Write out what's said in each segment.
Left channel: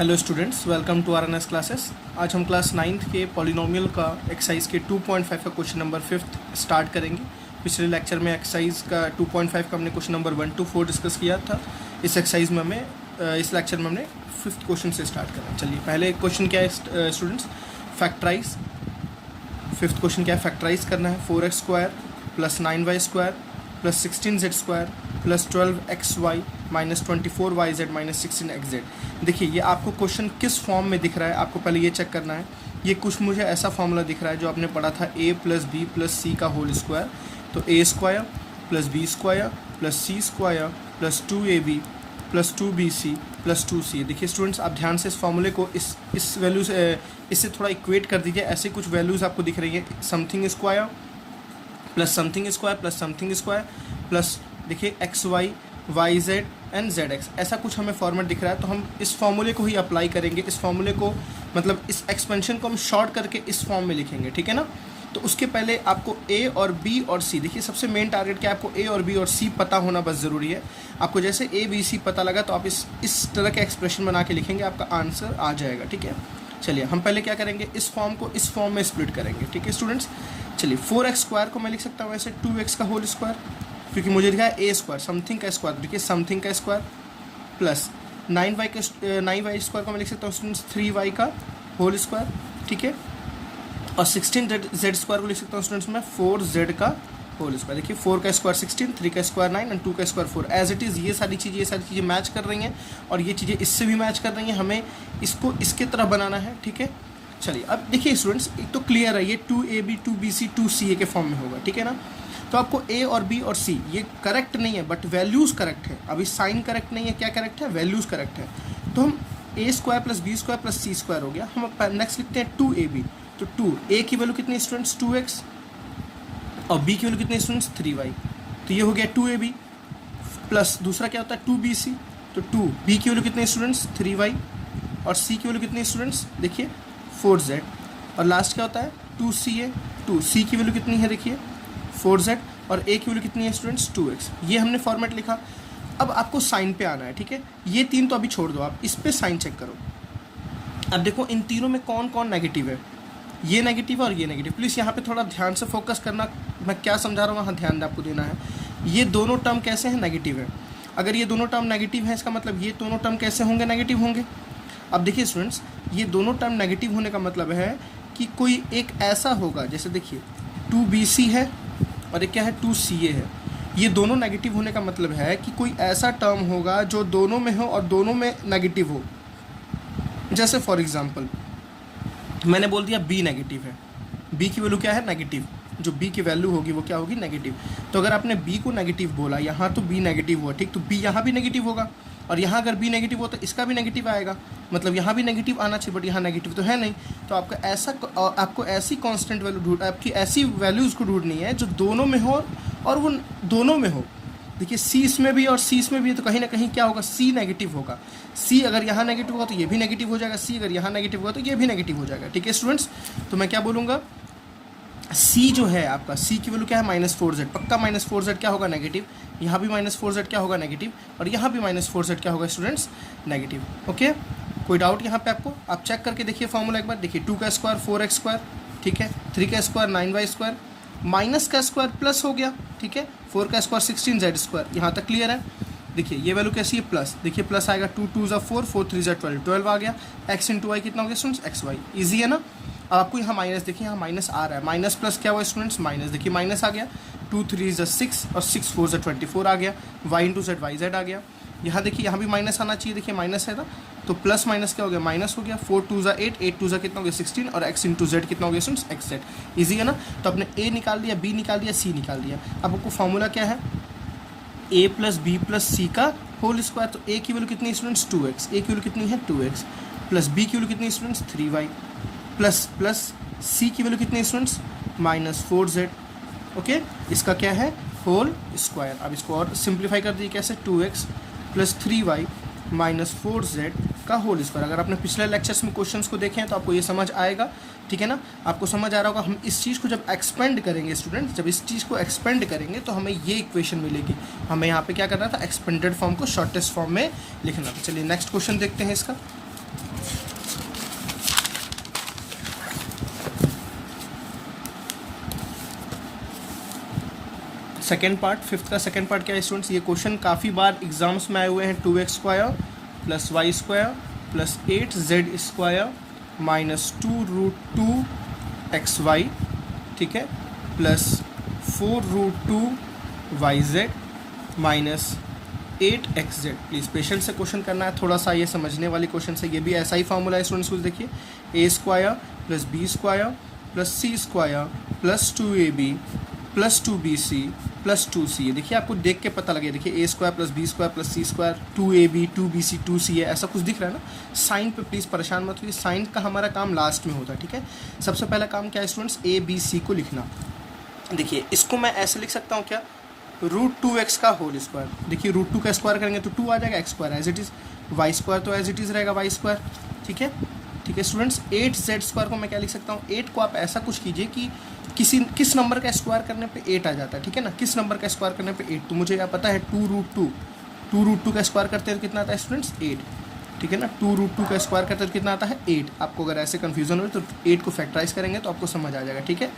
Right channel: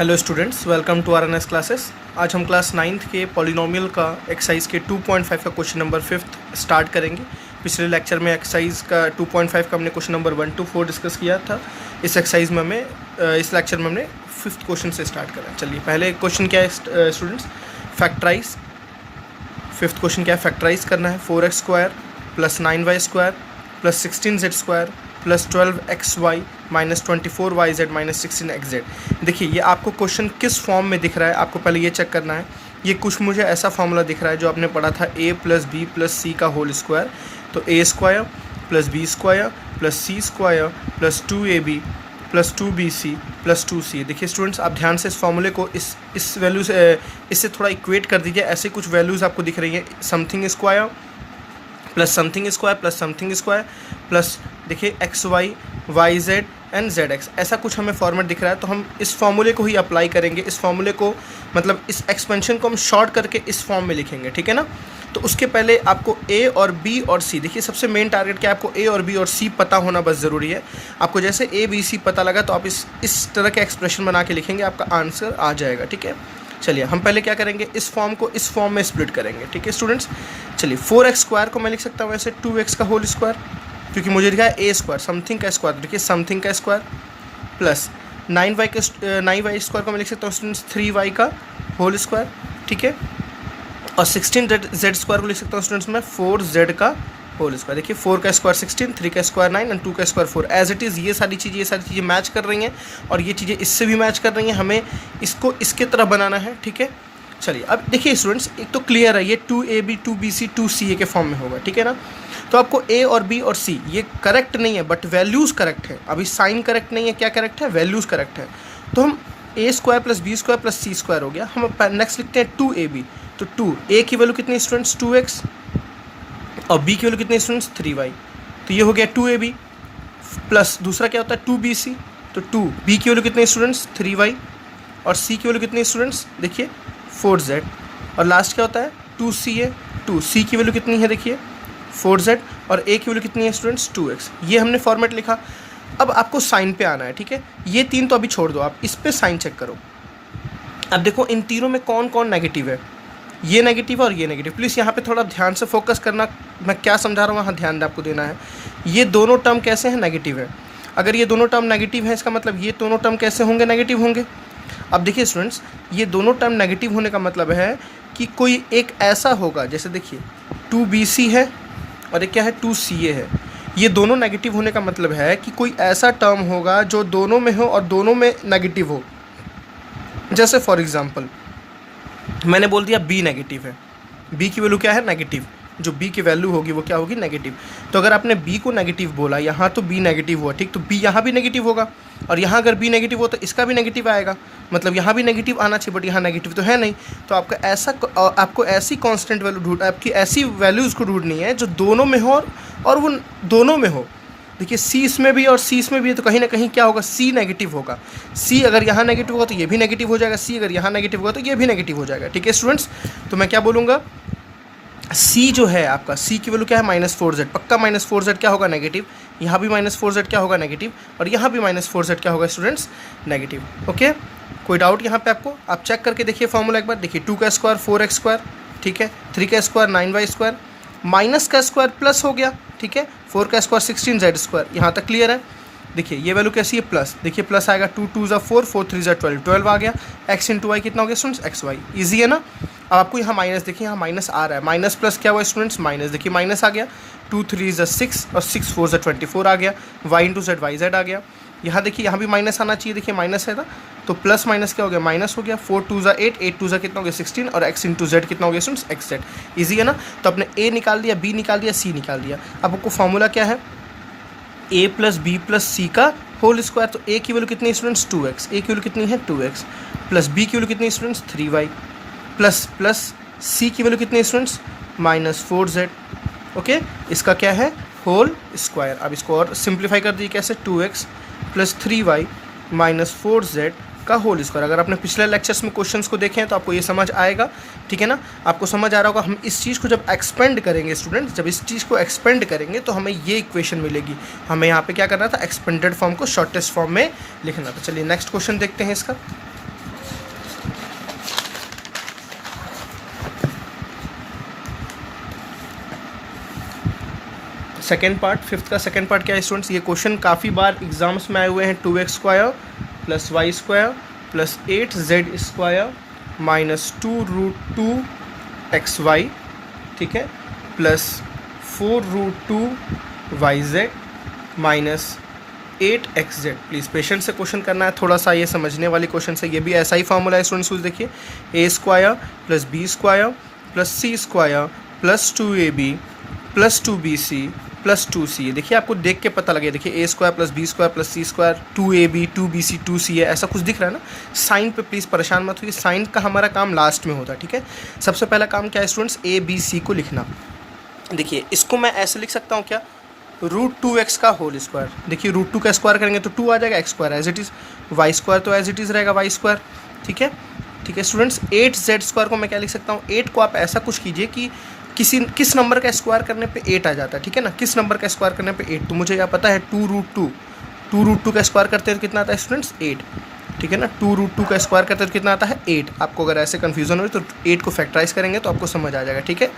Hello students, welcome to RNS classes. आज हम class 9th के पॉलिनोमियल का एक्सरसाइज के 2.5 का क्वेश्चन नंबर 5th स्टार्ट करेंगे। पिछले लेक्चर में एक्सरसाइज का 2.5 का हमने क्वेश्चन नंबर 1 to 4 डिस्कस किया था। इस एक्सरसाइज में इस लेक्चर में हमने 5th क्वेश्चन से स्टार्ट करें। चलिए, पहले क्वेश्चन क्या है स्टूडेंट्स? फैक्टराइज। 5th क्वेश्चन क्या है? फैक्टराइज करना है 4x² + 9y² + 16z² + 12xy - 24yz - 16xz। देखिए, ये आपको क्वेश्चन किस फॉर्म में दिख रहा है, आपको पहले ये चेक करना है। ये कुछ मुझे ऐसा फॉर्मूला दिख रहा है जो आपने पढ़ा था a + b + c का होल स्क्वायर। तो a² + b² + c² + 2ab + 2bc + 2c। देखिए स्टूडेंट्स, आप ध्यान से इस फॉर्मूले को इस वैल्यू से इससे थोड़ा इक्वेट कर दीजिए। ऐसे कुछ वैल्यूज़ आपको दिख रही है, something square + something square + something square plus देखिए xy yz एंड zx, ऐसा कुछ हमें फॉर्मेट दिख रहा है। तो हम इस फॉर्मूले को ही अप्लाई करेंगे। इस फॉर्मूले को मतलब इस एक्सपेंशन को हम शॉर्ट करके इस फॉर्म में लिखेंगे, ठीक है ना। तो उसके पहले आपको a और b और c, देखिए सबसे मेन टारगेट क्या है, आपको a और b और c पता होना बस ज़रूरी है। आपको जैसे a b c पता लगा तो आप इस तरह के एक्सप्रेशन बना के लिखेंगे, आपका आंसर आ जाएगा, ठीक है। चलिए, हम पहले क्या करेंगे, इस फॉर्म को इस फॉर्म में स्प्लिट करेंगे, ठीक है स्टूडेंट्स। चलिए, 4x² को मैं लिख सकता हूँ ऐसे 2x का होल स्क्वायर, क्योंकि मुझे दिखा है a², समथिंग का स्क्वायर, देखिए समथिंग का स्क्वायर प्लस 9y² को मैं लिख सकता हूँ स्टूडेंट्स 3y का होल स्क्वायर, ठीक है। और 16z² को लिख सकता हूँ स्टूडेंट्स मैं 4z का होल स्क्वायर। देखिए 4 का स्क्वायर 16, 3 का स्क्वायर 9 एंड 2 का स्क्वायर 4। एज इट इज़ ये सारी चीज़ें मैच कर रही हैं और ये चीज़ें इससे भी मैच कर रही हैं। हमें इसको इसके तरह बनाना है, ठीक है। चलिए, अब देखिए स्टूडेंट्स, एक तो क्लियर है, ये 2ab 2bc 2ca के फॉर्म में होगा, ठीक है ना। तो आपको a और b और c ये करेक्ट नहीं है, बट वैल्यूज़ करेक्ट है। अभी साइन करेक्ट नहीं है, क्या करेक्ट है? वैल्यूज़ करेक्ट है। तो हम a² + b² + c² हो गया। हम नेक्स्ट लिखते हैं 2ab। तो 2 a की वैल्यू कितनी स्टूडेंट्स? 2x और b की वैल्यू कितनी स्टूडेंट्स? 3y। तो ये हो गया 2ab प्लस दूसरा क्या होता है 2bc। तो 2b की वैल्यू कितनी स्टूडेंट्स? 3y और c की वैल्यू कितनी स्टूडेंट्स? देखिए 4z। और लास्ट क्या होता है 2ca। 2c की वैल्यू कितनी है? देखिए 4z और a की वैल्यू कितनी है स्टूडेंट्स? 2x। ये हमने फॉर्मेट लिखा। अब आपको साइन पे आना है, ठीक है। ये तीन तो अभी छोड़ दो, आप इस पे साइन चेक करो। अब देखो इन तीनों में कौन कौन नेगेटिव है। ये नेगेटिव और ये नेगेटिव। प्लीज़ यहाँ पे थोड़ा ध्यान से फोकस करना, मैं क्या समझा रहा हूँ वहाँ ध्यान आपको देना है। ये दोनों टर्म कैसे हैं? नेगेटिव है। अगर ये दोनों टर्म नेगेटिव है, इसका मतलब ये दोनों टर्म कैसे होंगे? नेगेटिव होंगे। अब देखिए स्टूडेंट्स, ये दोनों टर्म नेगेटिव होने का मतलब है कि कोई एक ऐसा होगा, जैसे देखिए 2bc है और एक क्या है 2ca है। ये दोनों नेगेटिव होने का मतलब है कि कोई ऐसा टर्म होगा जो दोनों में हो और दोनों में नेगेटिव हो। जैसे फॉर एग्जांपल मैंने बोल दिया b नेगेटिव है, b की वैल्यू क्या है? नेगेटिव। जो b की वैल्यू होगी वो क्या होगी? नेगेटिव। तो अगर आपने b को नेगेटिव बोला, यहाँ तो b नेगेटिव हुआ, ठीक, तो b यहाँ भी नेगेटिव होगा। और यहाँ अगर b नेगेटिव हो तो इसका भी नेगेटिव आएगा, मतलब यहाँ भी नेगेटिव आना चाहिए, बट यहाँ नेगेटिव तो है नहीं। तो आपको ऐसी कांस्टेंट वैल्यू आपकी ऐसी वैल्यूज़ को ढूंढनी है जो दोनों में हो और वो दोनों में हो। देखिए c इसमें भी और c इसमें भी है, तो कहीं ना कहीं क्या होगा? c नेगेटिव होगा। c अगर यहाँ नेगेटिव होगा तो ये भी नेगेटिव हो जाएगा, c अगर यहाँ नेगेटिव होगा तो ये भी नेगेटिव हो जाएगा, ठीक है स्टूडेंट्स। तो मैं क्या बोलूँगा, c जो है आपका, c की वैल्यू क्या है? -4z। पक्का -4z क्या होगा? नेगेटिव। यहाँ भी -4z क्या होगा? नेगेटिव। और यहाँ भी -4z क्या होगा स्टूडेंट्स? नेगेटिव। ओके, कोई डाउट यहाँ पे आपको? आप चेक करके देखिए फॉर्मूला एक बार। देखिए 2 का स्क्वायर 4x², ठीक है, 3 का स्क्वायर 9y², माइनस का स्क्वायर प्लस हो गया, ठीक है, 4 का स्क्वायर 16z²। यहाँ तक क्लियर है। देखिए ये वैल्यू कैसी है? प्लस। देखिए प्लस आएगा 2 2 ज़ा 4, 4 3 ज़ा 12, 12 आ गया। x इंटू वाई कितना हो गया स्टूडेंट्स? xy। ईजी है ना। अब आपको यहाँ माइनस, देखिए यहाँ माइनस आ रहा है, माइनस प्लस क्या हुआ स्टूडेंट्स? माइनस। देखिए माइनस आ गया, 2 3 ज़ा 6 और 6 4 ज़ा 24 आ गया। y into Z Y Z आ गया। यहाँ देखिए यहाँ भी माइनस आना चाहिए, देखिए माइनस है ना, तो प्लस माइनस क्या हो गया? माइनस हो गया। 4 2 ज़ा 8, 8 2 ज़ा कितना हो गया? 16 और x इंटू जेड कितना हो गया स्टूडेंट्स? xz। ईजी है ना। तो आपने a निकाल दिया, b निकाल दिया, c निकाल दिया। अब आपको फॉर्मूला क्या है? a + b + c का होल स्क्वायर। तो a की वैल्यू कितनी है स्टूडेंट्स? 2x। a की वैल्यू कितनी है? 2x प्लस b की वैल्यू कितनी है स्टूडेंट्स? 3y प्लस c की वैल्यू कितनी है स्टूडेंट्स? -4z। ओके, इसका क्या है? Whole square. अब इसको और सिंप्लीफाई कर दीजिए, कैसे? 2x + 3y - 4z का होल स्क्वायर। अगर आपने पिछले लेक्चर्स में क्वेश्चंस को देखे हैं तो आपको ये समझ आएगा, ठीक है ना। आपको समझ आ रहा होगा। हम इस चीज़ को जब एक्सपेंड करेंगे स्टूडेंट्स, जब इस चीज़ को एक्सपेंड करेंगे तो हमें ये इक्वेशन मिलेगी। हमें यहाँ पे क्या करना था? एक्सपेंडेड फॉर्म को शॉर्टेस्ट फॉर्म में लिखना था। चलिए नेक्स्ट क्वेश्चन देखते हैं इसका। सेकेंड पार्ट, फिफ्थ का सेकेंड पार्ट क्या है स्टूडेंट्स, ये क्वेश्चन काफ़ी बार एग्जाम्स में आए हुए हैं। 2x² + y² + 8z² -2√2xy, ठीक है, plus 4√2yz -8xz। Please patient से क्वेश्चन करना है, थोड़ा सा ये समझने वाली क्वेश्चन है। ये भी ऐसा ही फॉर्मूला है स्टूडेंट्स, देखिए a² + b² + c² + 2ab + 2bc + 2c। देखिए आपको देख के पता लगे, देखिए a² + b² + c², 2ab 2bc 2c है, ऐसा कुछ दिख रहा है ना। साइन पे प्लीज़ परेशान मत होइए, साइन का हमारा काम लास्ट में होता है, ठीक है। सबसे पहला काम क्या है स्टूडेंट्स, a b c को लिखना। देखिए इसको मैं ऐसे लिख सकता हूँ क्या, √2x का होल स्क्वायर। देखिए √2 का स्क्वायर करेंगे तो 2 आ जाएगा, x² as it is, y² तो एज इट इज़ रहेगा y², ठीक है। ठीक है स्टूडेंट्स, 8z² को मैं क्या लिख सकता हूँ, 8 को आप ऐसा कुछ कीजिए कि किस नंबर का स्क्वायर करने पे 8 आ जाता है, ठीक है ना। किस नंबर का स्क्वायर करने पे 8, तो मुझे यहाँ पता है 2√2 का स्क्वायर करते हैं तो कितना आता है स्टूडेंट्स, 8, ठीक है ना। 2√2 का स्क्वायर करते हैं तो कितना आता है, 8। आपको अगर ऐसे कन्फ्यूजन हो तो 8 को फैक्टराइज करेंगे तो आपको समझ आ जाएगा, ठीक है।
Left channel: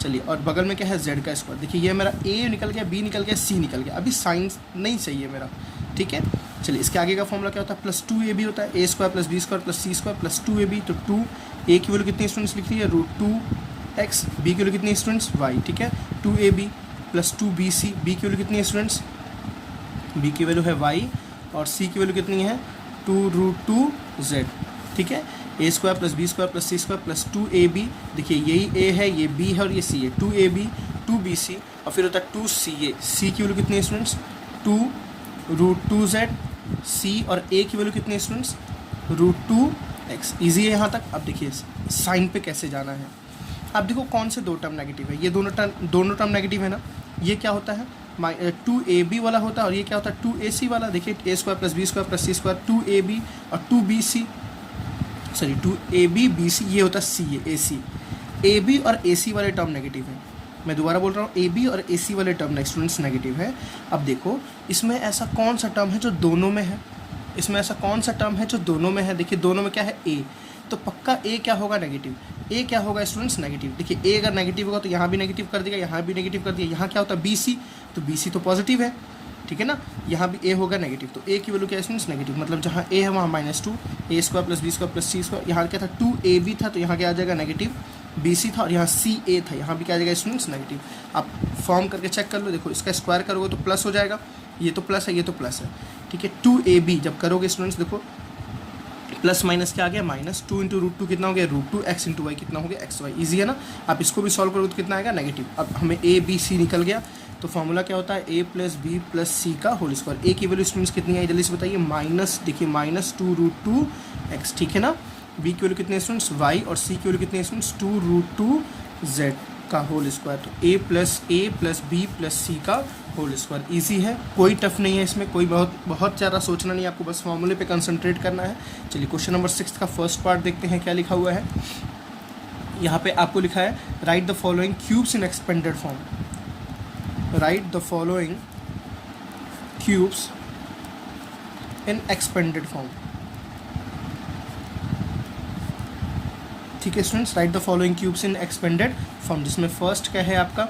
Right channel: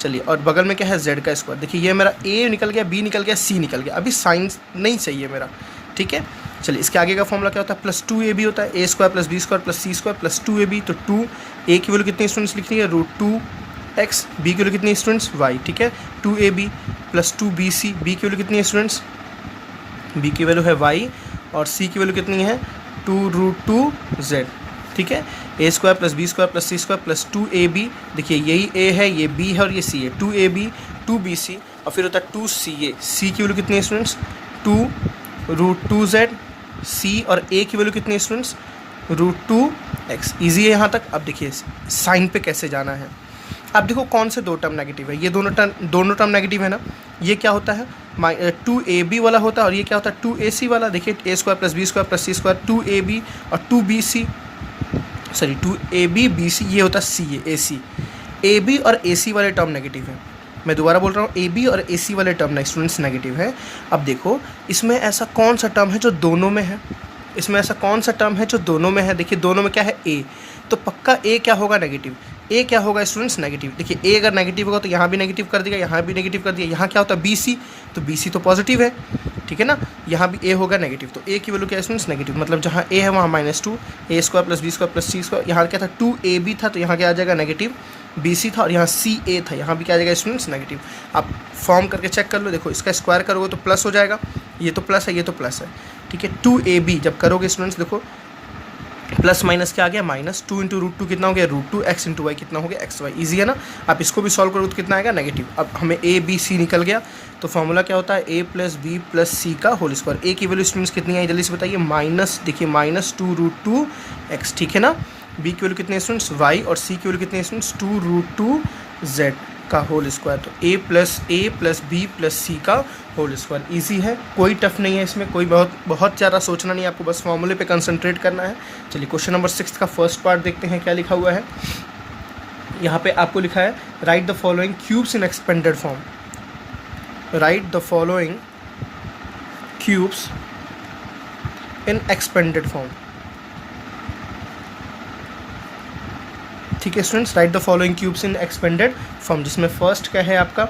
चलिए, और बगल में क्या है, z का स्क्वायर। देखिए ये मेरा a निकल गया, b निकल गया, c निकल गया, अभी साइन नहीं सही है मेरा, ठीक है। चलिए इसके आगे का फॉर्मूला क्या होता है, +2ab होता है, a² + b² + c² + 2ab। तो 2 a की वैल्यू कितनी स्टूडेंट्स लिख रही है, √2x, b की वैल्यू कितनी स्टूडेंट्स, y, ठीक है। 2ab + 2bc, b की वैल्यू कितनी है स्टूडेंट्स, b की वैल्यू है y, और c की वैल्यू कितनी है 2√2z, ठीक है। a² + b² + c² + 2ab। देखिए यही a है, ये b है और ये c है, 2ab 2bc, और फिर होता है 2ca। c की वैल्यू कितनी है स्टूडेंट्स, 2√2z, c और a की वैल्यू कितनी है स्टूडेंट्स, √2x। ईजी है यहाँ तक। अब देखिए साइन पे कैसे जाना है। अब देखो कौन से दो टर्म नेगेटिव है, ये दोनों टर्म नेगेटिव है ना। ये क्या होता है, 2ab वाला होता है, और ये क्या होता है 2ac वाला। देखिए a² + b² + c², 2ab और 2bc, सॉरी 2ab bc, ये होता है c है ac। ab और ac वाले टर्म नेगेटिव है, मैं दोबारा बोल रहा हूँ, ab और ac वाले टर्म स्टूडेंट्स नेगेटिव है। अब देखो इसमें ऐसा कौन सा टर्म है जो दोनों में है, इसमें ऐसा कौन सा टर्म है जो दोनों में है। देखिए दोनों में क्या है, a, तो पक्का a क्या होगा, नेगेटिव। a क्या होगा स्टूडेंट्स, नेगेटिव। देखिए a अगर नेगेटिव होगा तो यहाँ भी नेगेटिव कर दिया, यहाँ भी नेगेटिव कर दिया। यहाँ क्या होता है bc, तो bc तो पॉजिटिव है, ठीक है ना। यहाँ भी a होगा नेगेटिव, तो a की वैल्यू क्या है स्टूडेंट्स, नेगेटिव। मतलब जहाँ a है वहाँ -2, a² + b² + c²। यहाँ क्या था 2ab था, तो यहाँ क्या आ जाएगा नेगेटिव, bc था, और यहाँ ca था, यहाँ भी क्या आ जाएगा स्टूडेंट्स, नेगेटिव। आप फॉर्म करके चेक कर लो, देखो इसका स्क्वायर करोगे तो प्लस हो जाएगा, ये तो प्लस है, ये तो प्लस है, ठीक है। 2ab जब करोगे स्टूडेंट्स, देखो प्लस माइनस क्या आ गया, -2 × √2 कितना हो गया, √2x × y कितना हो गया, xy। ईजी है ना। आप इसको भी सॉल्व करोगे तो कितना आएगा, नेगेटिव। अब हमें a b c निकल गया, तो फॉर्मूला क्या होता है, a + b + c का होल स्क्वायर। a की वैल्यू स्टूडेंट्स कितनी आई, जल्दी से बताइए, देखिए -2√2x, ठीक है ना। b की वैल्यू कितनी है स्टूडेंट्स, y, और c की वैल्यू कितनी है स्टूडेंट्स, 2√2z का होल स्क्वायर। तो a + b + c का होल स्क्वायर। ईजी है, कोई टफ नहीं है इसमें, कोई बहुत ज़्यादा सोचना नहीं है आपको, बस फॉर्मूले पे कंसंट्रेट करना है। चलिए क्वेश्चन नंबर 6 का फर्स्ट पार्ट देखते हैं क्या लिखा हुआ है। यहाँ पे आपको लिखा है, right the following cubes in expanded form. Right the following cubes in expanded form, ठीक है students. Right the following cubes in expanded form, जिसमें फर्स्ट क्या है आपका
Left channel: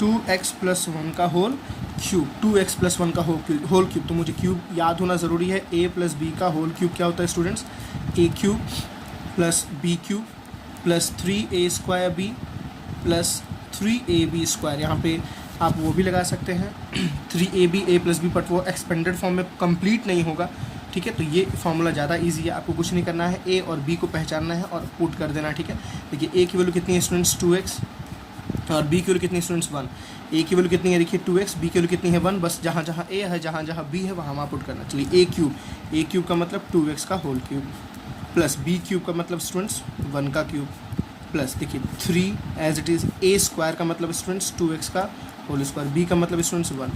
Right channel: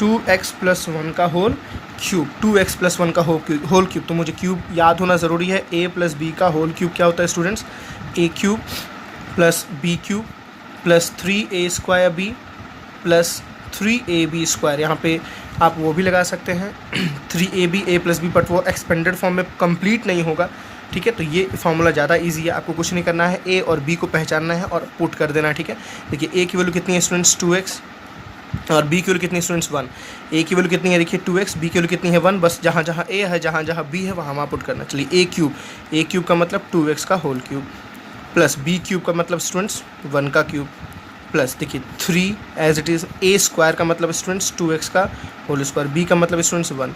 2x + 1 का होल क्यूब, 2x + 1 का होल क्यूब। तो मुझे क्यूब याद होना ज़रूरी है। a + b का होल क्यूब क्या होता है students, a³ + b³ + 3a² b + 3ab²। यहाँ पे आप वो भी लगा सकते हैं 3ab a + b, बट वो एक्सपेंडेड फॉर्म में कंप्लीट नहीं होगा, ठीक है। तो ये फार्मूला ज़्यादा इजी है, आपको कुछ नहीं करना है, a और b को पहचानना है और पुट कर देना है, ठीक है। देखिए a की वैल्यू कितनी है स्टूडेंट्स, 2x, और b की वैल्यू कितनी है स्टूडेंट्स, 1। a की वैल्यू कितनी है, देखिए 2x, b की वैल्यू कितनी है 1। बस जहाँ जहाँ a है, जहाँ जहाँ b है, वहाँ पुट करना। चलिए a³ का मतलब 2x का होल क्यूब, प्लस b³ का मतलब स्टूडेंट्स 1 का क्यूब, प्लस देखिए 3 एज इट इज़, a² का मतलब स्टूडेंट्स 2x का होल स्क्वायर, b का मतलब स्टूडेंट्स 1,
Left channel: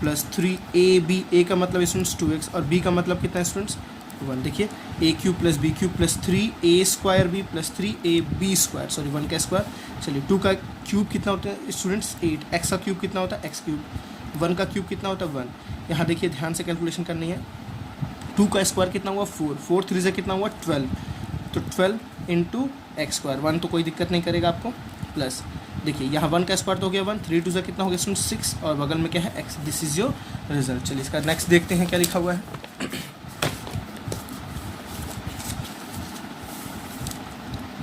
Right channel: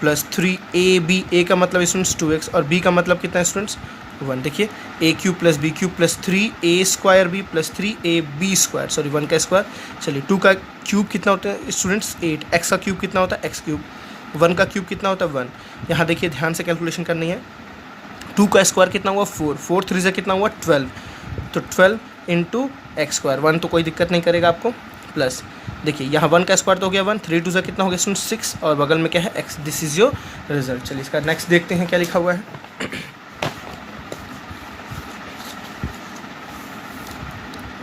प्लस 3ab, a का मतलब स्टूडेंट्स 2x, और b का मतलब कितना है स्टूडेंट्स 1। देखिए a³ + b³ + 3a² b + 3ab², sorry 1 का स्क्वायर। चलिए 2 का क्यूब कितना होता है स्टूडेंट्स 8, x का क्यूब कितना होता है x³, 1 का क्यूब कितना होता है 1। यहाँ देखिए ध्यान से कैलकुलेशन करनी है। 2 का स्क्वायर कितना हुआ 4, 4 3 से कितना हुआ 12, तो 12 × x², 1 तो कोई दिक्कत नहीं करेगा आपको, प्लस देखिए यहाँ 1 का स्क्वायर तो हो गया 1, 3 2 कितना हो गया स्टूडेंट 6, और बगल में क्या है x। This is your result. चलिए इसका नेक्स्ट देखते हैं क्या लिखा हुआ है।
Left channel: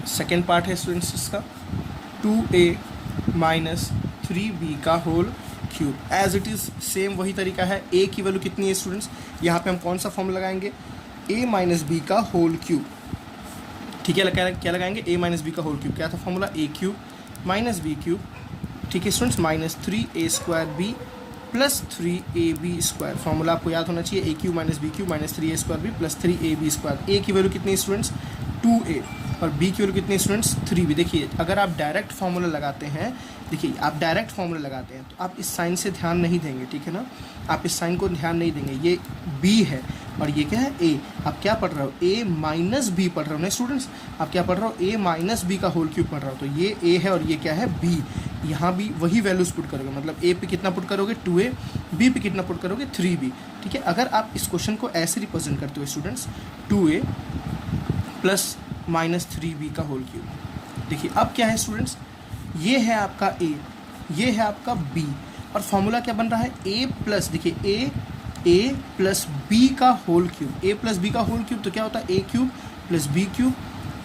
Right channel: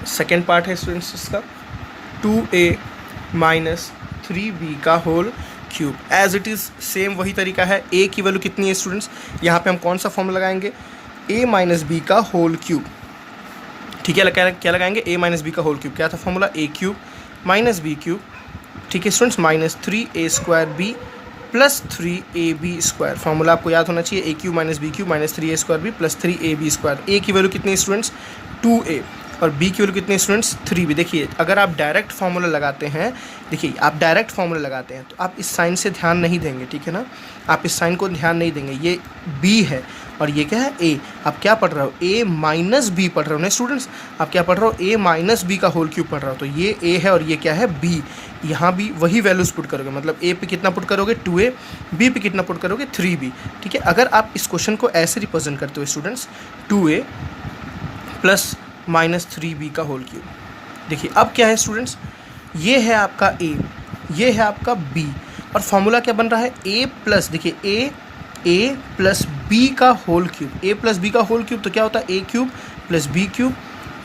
सेकेंड पार्ट है स्टूडेंट्स इसका 2a माइनस 3b का whole cube. As it is same वही तरीका है। a की वैल्यू कितनी है स्टूडेंट्स, यहाँ पे हम कौन सा फॉर्मूला लगाएंगे, a माइनस बी का होल क्यूब। ठीक है, क्या लगाएंगे, a माइनस बी का होल क्यूब। क्या था formula, a cube minus B cube. ठीक है students, minus 3a square b plus 3ab square. Formula आपको याद होना चाहिए, a cube minus B cube minus 3a square b plus 3ab square. a की वैल्यू कितनी है स्टूडेंट्स 2a, और b की वैल्यू कितनी है स्टूडेंट्स 3b। देखिए अगर आप डायरेक्ट फार्मूला लगाते हैं, देखिए आप डायरेक्ट फार्मूला लगाते हैं तो आप इस साइन से ध्यान नहीं देंगे, ठीक है ना, आप इस साइन को ध्यान नहीं देंगे। ये b है और ये क्या है a। आप क्या पढ़ रहे हो, a माइनस बी पढ़ रहे हो ना स्टूडेंट्स, आप क्या पढ़ रहे हो, a माइनस बी का होल क्यूब पढ़ रहे हो। तो ये a है और ये क्या है b। यहाँ भी वही वैल्यूज पुट करोगे, मतलब a पे कितना पुट करोगे 2a, b पे कितना पुट करोगे 3b। ठीक है, अगर आप इस क्वेश्चन को ऐसे रिप्रेजेंट करते हो students 2a plus minus 3b का होल क्यूब। देखिए अब क्या है स्टूडेंट्स, ये है आपका a, ये है आपका b, और फॉर्मूला क्या बन रहा है a प्लस, देखिए a प्लस b का whole cube. a plus b का होल क्यूब तो क्या होता है, a cube plus b cube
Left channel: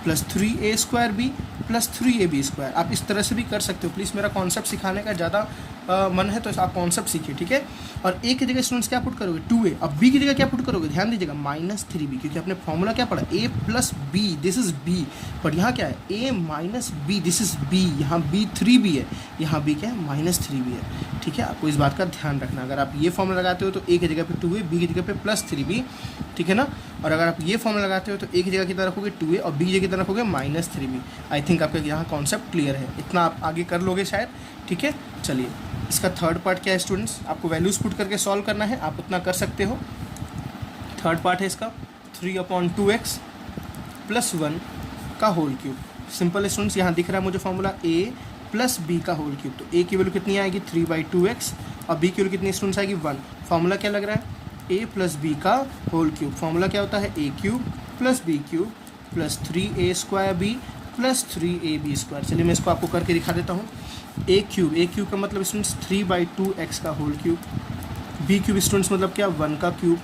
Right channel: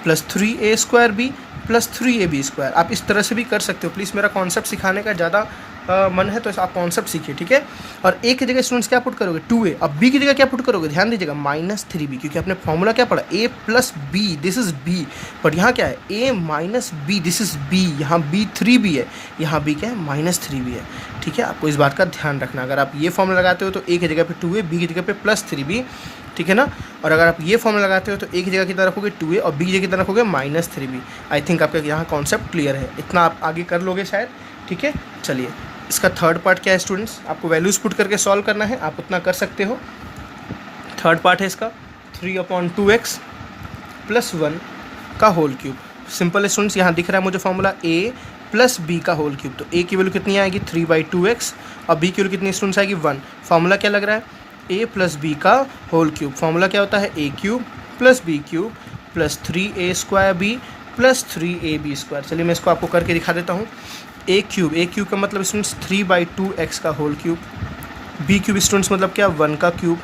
plus 3a square b plus 3ab square. आप इस तरह से भी कर सकते हो। प्लीज़ मेरा कॉन्सेप्ट सिखाने का ज़्यादा मन है तो आप कॉन्सेप्ट सीखिए, ठीक है। और a की जगह स्टूडेंट्स क्या पुट करोगे 2a, अब b की जगह क्या पुट करोगे, ध्यान दीजिएगा माइनस 3b, क्योंकि आपने फॉर्मूला क्या पढ़ा a plus b, this is b, but यहाँ क्या है a minus b, this is b, यहाँ b 3b है, यहाँ b क्या है माइनस 3b है। ठीक है, आपको इस बात का ध्यान रखना। अगर आप ये फॉर्मूला लगाते हो तो a की जगह पे 2a, b की जगह पे प्लस 3b, ठीक है ना। और अगर आप ये फॉर्मूला लगाते हो तो a की जगह कितना रखोगे 2a और b की जगह कितना रखोगे माइनस 3b। आई थिंक आपका यहाँ कॉन्सेप्ट क्लियर है, इतना आप आगे कर लोगे शायद, ठीक है। चलिए इसका थर्ड पार्ट क्या है स्टूडेंट्स, आपको वैल्यूज पुट करके सॉल्व करना है, आप उतना कर सकते हो। थर्ड पार्ट है इसका 3/2x प्लस 1 का होल क्यूब। सिंपल है स्टूडेंट्स, यहाँ दिख रहा है मुझे फॉर्मूला a प्लस b का होल क्यूब। तो a की वैल्यू कितनी आएगी 3/2x और b की वैल्यू कितनी स्टूडेंट्स आएगी 1। फॉर्मूला क्या लग रहा है a प्लस b का होल क्यूब। फॉर्मूला क्या होता है a cube plus b cube plus 3a square b plus 3ab square. चलिए मैं इसको आपको करके दिखा देता हूँ। a क्यूब का मतलब स्टूडेंट्स 3/2x का whole cube, b cube students मतलब क्या 1 का क्यूब,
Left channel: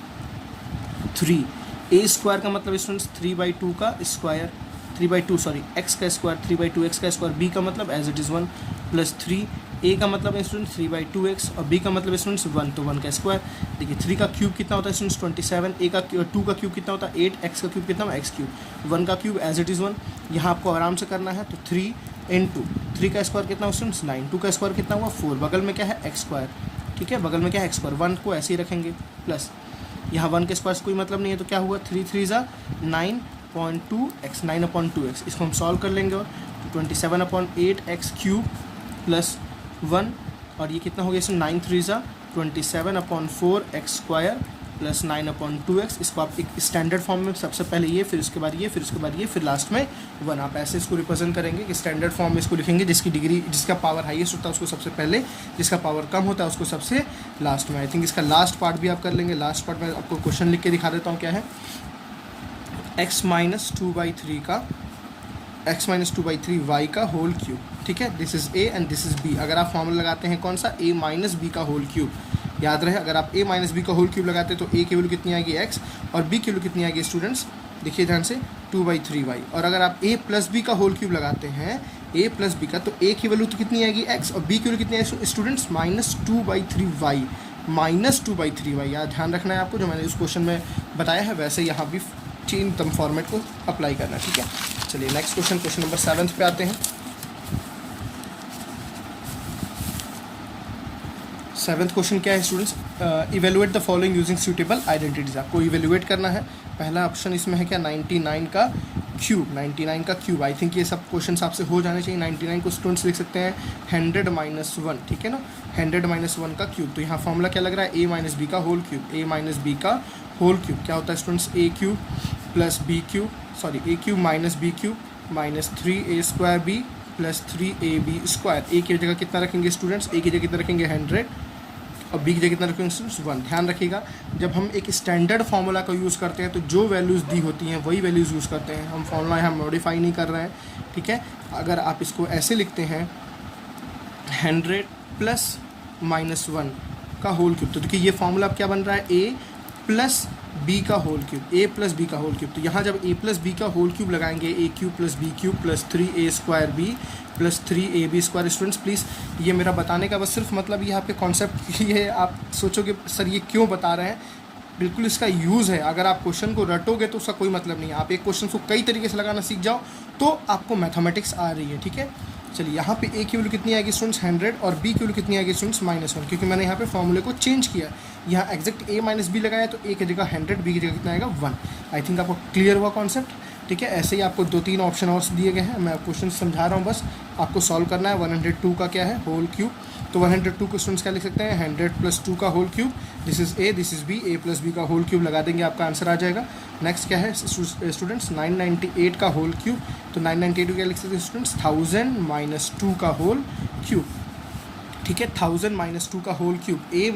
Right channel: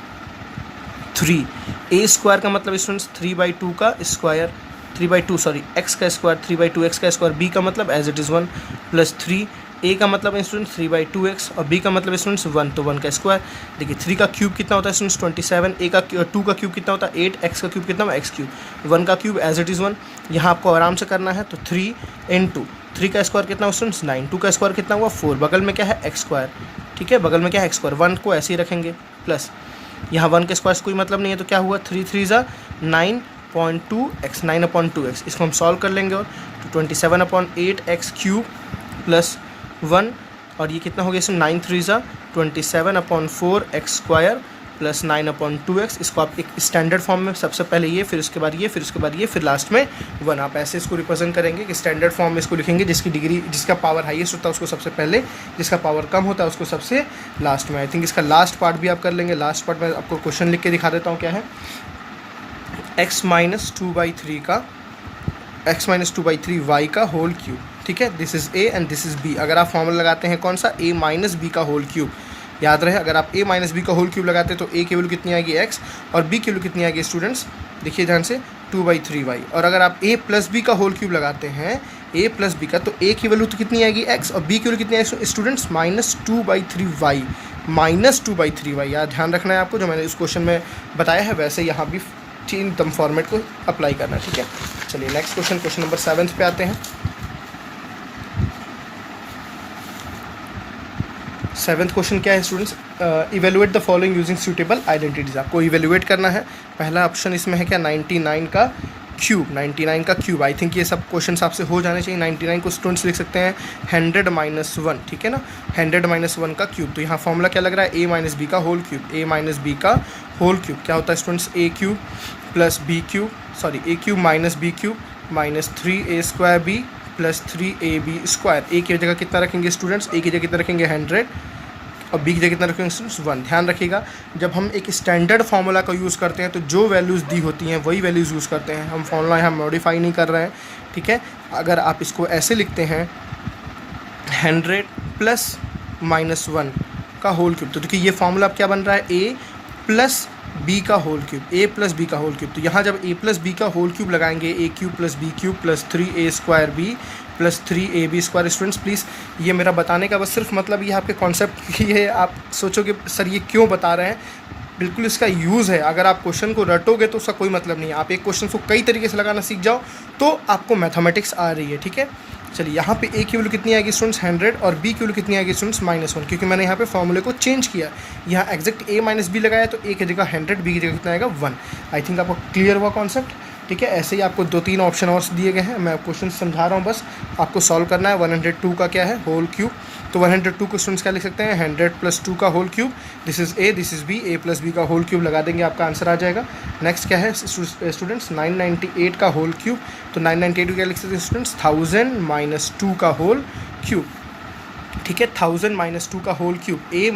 3 a स्क्वायर का मतलब स्टूडेंट्स 3/2 का स्क्वायर, 3/2 सॉरी x का स्क्वायर 3/2x का स्क्वायर, b का मतलब as it is 1 plus 3, a का मतलब स्टूडेंट्स 3/2x और b का मतलब स्टूडेंट्स 1, तो 1 का स्क्वायर। देखिए 3 का क्यूब कितना होता है स्टूडेंट्स 27, a का 2 का क्यूब कितना होता है 8, x का क्यूब कितना होगा x क्यूब, 1 का क्यूब एज इट इज़ 1। यहाँ आपको आराम से करना है, तो 3 × 3 का स्क्वायर कितना हुआ स्टूडेंट्स 9, 2 का स्क्वायर कितना हुआ 4, बगल में क्या है x स्क्वायर, ठीक है, बगल में क्या है x स्क्वायर, 1 को ऐसे ही रखेंगे प्लस, यहाँ 1 के स्क्वायर से कोई मतलब नहीं है तो क्या हुआ 3 3 9.2x, 9/2x। इसको हम सॉल्व कर लेंगे और तो 27/8x क्यूब प्लस 1, और ये कितना हो गया इसमें 9 3 27/4x स्क्वायर प्लस 9/2x। इसको आप एक स्टैंडर्ड फॉर्म में सबसे पहले ये, फिर उसके बाद ये, फिर उसके बाद ये, फिर लास्ट में 1, आप ऐसे इसको रिप्रेजेंट करेंगे कि स्टैंडर्ड फॉर्म में इसको लिखेंगे, जिसकी डिग्री, जिसका पावर हाईएस्ट होता है उसको सबसे पहले, जिसका पावर कम होता है उसको सबसे लास्ट में। आई थिंक इसका लास्ट पार्ट भी आप कर लेंगे। लास्ट पार्ट में आपको क्वेश्चन लिख के दिखा देता हूँ क्या है, x माइनस 2/3 का, x माइनस 2/3y का होल क्यूब, ठीक है, this is a and this is b। अगर आप फॉर्मूला लगाते हैं कौन सा a माइनस बी का होल क्यूब, याद रहे अगर आप a माइनस बी का होल क्यूब लगाते हैं तो a की वैल्यू कितनी आएगी x और b की वैल्यू कितनी आएगी स्टूडेंट्स, देखिए ध्यान से 2/3y। और अगर आप a प्लस बी का होल क्यूब लगाते हैं a प्लस बी का, तो a की वैल्यू तो कितनी आएगी x और b की वैल्यू कितनी आएगी students minus 2/3y, minus 2/3y। याद ध्यान रखना है आपको, जो मैंने इस क्वेश्चन में बताया है वैसे यहाँ भी तीन टर्म फॉर्मेट को अप्लाई करना है, ठीक है। चलिए नेक्स्ट क्वेश्चन नंबर 7 पे आते हैं। 7th क्वेश्चन क्या है students, evaluate the following using suitable identities. आपको इवेलुएट करना है। पहला ऑप्शन इसमें है क्या 99 का क्यूब, 99 का क्यूब। आई थिंक ये सब क्वेश्चन आपसे हो जाने चाहिए। 99 को स्टूडेंट्स लिख सकते हैं 100 माइनस 1, ठीक है ना, 100 माइनस 1 का क्यूब। तो यहाँ फॉर्मूला क्या लग रहा है a माइनस बी का whole cube, a minus B का होल क्यूब क्या होता है students a cube plus b cube, sorry a cube minus b cube minus 3a square b plus 3ab square. a की जगह कितना रखेंगे स्टूडेंट्स, a की जगह कितना रखेंगे 100 और b की जगह कितना रखेंगे स्टूडेंट्स 1। ध्यान रखिएगा जब हम एक स्टैंडर्ड फार्मूला का यूज़ करते हैं तो जो वैल्यूज़ दी होती हैं वही वैल्यूज़ यूज़ करते हैं, हम फार्मूला यहाँ मॉडिफाई नहीं कर रहे हैं, ठीक है। अगर आप इसको ऐसे लिखते हैं 100 प्लस -1 का होल क्यूब। तो देखिए ये फॉर्मूला अब क्या बन रहा है, a प्लस बी का whole cube, a plus B का होल क्यूब। तो यहाँ जब a प्लस बी का होल क्यूब लगाएंगे, a cube plus B cube plus 3a² b plus 3ab²। Students please ये मेरा बताने का बस सिर्फ मतलब ये आपके कॉन्सेप्ट ये आप सोचोगे सर ये क्यों बता रहे हैं, बिल्कुल इसका यूज़ है। अगर आप क्वेश्चन को रटोगे तो उसका कोई मतलब नहीं है। आप एक क्वेश्चन को कई तरीके से लगाना सीख जाओ तो आपको मैथमेटिक्स आ रही है, ठीक है। चलिए यहाँ पे a की वैल्यू कितनी आएगी स्टूडेंट्स 100 और b की वैल्यू कितनी आएगी स्टूडेंट्स -1, क्योंकि मैंने यहाँ पे फॉर्मूले को चेंज किया। यहाँ एग्जैक्ट a माइनस बी लगाया तो a की जगह 100, b की जगह कितना आएगा 1। आई थिंक आपको क्लियर हुआ कॉन्सेप्ट, ठीक है। ऐसे ही आपको 2-3 ऑप्शन और दिए गए हैं, मैं क्वेश्चन समझा रहा हूँ, बस आपको सॉल्व करना है। 102 का क्या है होल क्यूब, तो 102 को स्टूडेंट्स क्या लिख सकते हैं 100 + 2 का whole cube. This is a, this is b, a + b का होल क्यूब लगा देंगे आपका आंसर आ जाएगा। नेक्स्ट क्या है स्टूडेंट्स 998 का होल क्यूब, तो 998 क्या लिख सकते हैं स्टूडेंट्स 1000 - 2 का होल क्यूब, ठीक है। 1000 - 2 का होल क्यूब, a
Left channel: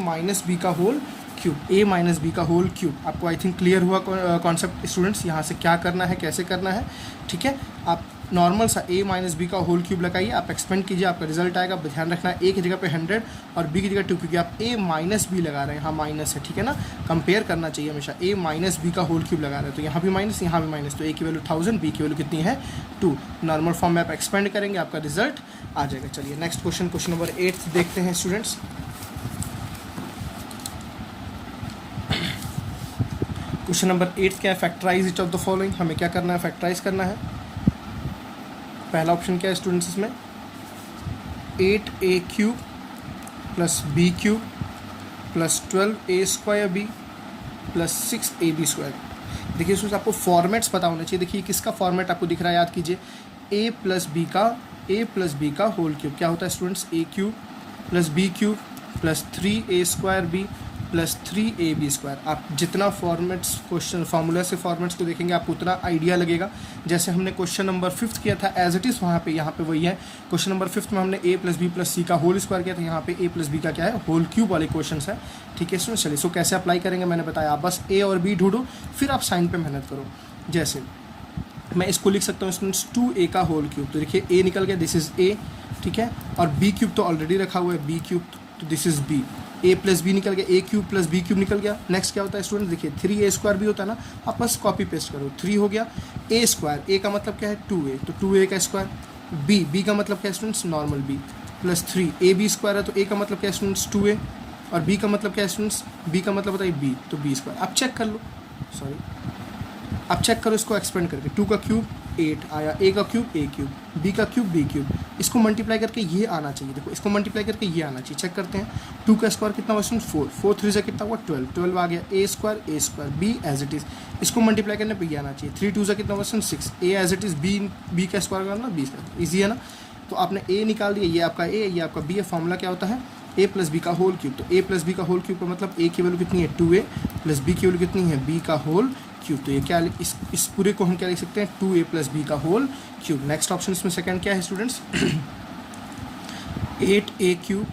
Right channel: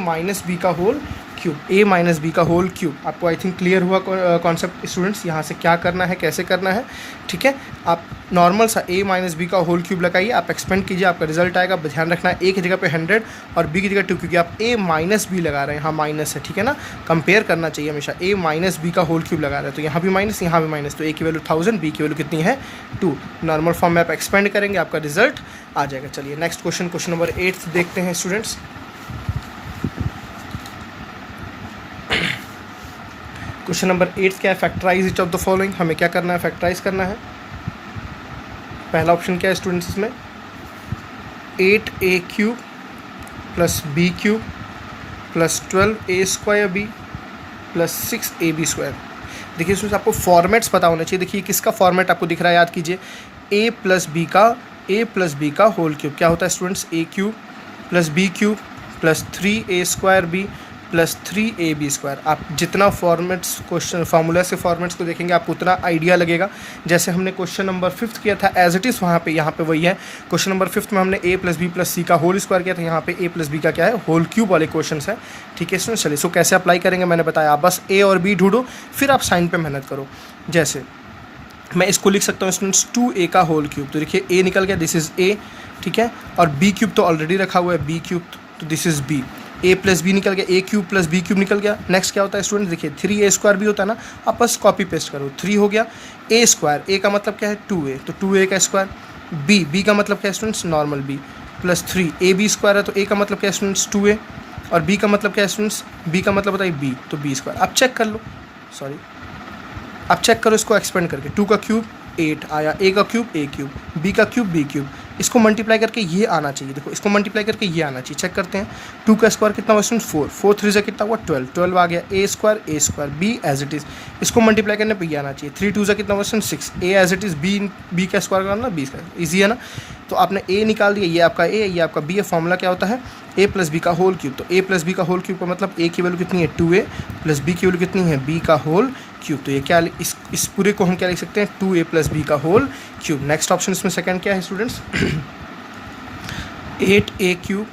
- b का होल क्यूब, a - b का होल क्यूब। आपको आई थिंक क्लियर हुआ कॉन्सेप्ट स्टूडेंट्स, यहाँ से क्या करना है कैसे करना है, ठीक है। आप नॉर्मल सा a - b का होल क्यूब लगाइए, आप एक्सपेंड कीजिए, आपका रिजल्ट आएगा। ध्यान रखना है a की जगह पे 100 और b की जगह 2, क्योंकि आप a - b लगा रहे हैं, यहाँ माइनस है, ठीक है ना। कंपेयर करना चाहिए हमेशा, a - b का होल क्यूब लगा रहे हैं तो यहाँ भी माइनस यहाँ भी माइनस, तो a की वैल्यू 1000, b की वैल्यू कितनी है 2। नॉर्मल फॉर्म में आप एक्सपेंड करेंगे, आपका रिजल्ट आ जाएगा। चलिए नेक्स्ट क्वेश्चन नंबर 8 देखते हैं स्टूडेंट्स। क्वेश्चन नंबर 8 क्या है, factorise each of the following. हमें क्या करना है, फैक्टराइज करना है। पहला ऑप्शन क्या है स्टूडेंट्स इसमें 8a³ + b³ + 12a² + 6ab²। देखिए स्टूडेंट्स आपको फॉर्मेट्स पता होना चाहिए। देखिए किसका फॉर्मेट आपको दिख रहा है, याद कीजिए a + b का होल क्यूब क्या होता है students a³ + b³ + 3a² + 3ab²। आप जितना फॉर्मेट्स क्वेश्चन फार्मूला से फॉर्मेट्स को देखेंगे आपको उतना आइडिया लगेगा। जैसे हमने क्वेश्चन नंबर 5 किया था एज इट इज़ वहाँ पे यहाँ पे वही है। क्वेश्चन नंबर 5 में हमने a + b + c का होल स्क्वायर किया था, यहाँ पे a + b का क्या है होल क्यूब वाले क्वेश्चन है, ठीक है स्टूडेंट। चलिए सो कैसे अप्लाई करेंगे मैंने बताया, आप बस a और b ढूंढो फिर आप साइन पर मेहनत करो। जैसे मैं इसको लिख सकता हूँ स्टूडेंट्स 2a का होल क्यूब, तो देखिए a निकल गया, दिस इज़ a, ठीक है। और b³ तो ऑलरेडी रखा हुआ है b³, तो this is b। a + b निकल गया, a³ + b³ निकल गया। नेक्स्ट क्या होता है स्टूडेंट, देखिए 3a² भी होता है ना, आप बस कॉपी पेस्ट करो, 3 हो गया। a², a का मतलब क्या है 2a, तो 2a का स्क्वायर। b का मतलब क्या है स्टूडेंट्स नॉर्मल b + 3ab² है, तो a का मतलब क्या है स्टूडेंट्स 2a और b का मतलब क्या है स्टूडेंट्स, b का मतलब बताइए b, तो b²। आप चेक कर लो, सॉरी आप चेक करो इसको एक्सपेंड करके, 2 का क्यूब 8 आया, a का क्यूब a³, b का क्यूब b³, इसको मल्टीप्लाई करके ये आना चाहिए। देखो इसको मल्टीप्लाई करके ये आना चाहिए, चेक करते हैं। 2 का स्क्वायर कितना हुआ स्टूडेंट 4, 4 3 से कितना हुआ 12 आ गया। a² b as it is, इसको मल्टीप्लाई करने पे ये आना चाहिए। 3 2 से कितना हुआ student 6, a as it is, b का स्क्वायर करना 20 का, ईजी है ना। तो आपने a निकाल दिया, ये आपका a ये आपका b है। फॉर्मूला क्या होता है a + b का होल क्यूब, तो a + b का होल क्यूब का मतलब a की वैल्यू कितनी है 2a + b की वैल्यू कितनी है b का होल क्यूब। तो ये क्या इस पूरे को हम क्या लिख सकते हैं 2a + b का होल क्यूब। नेक्स्ट ऑप्शन इसमें सेकंड क्या है स्टूडेंट्स 8a³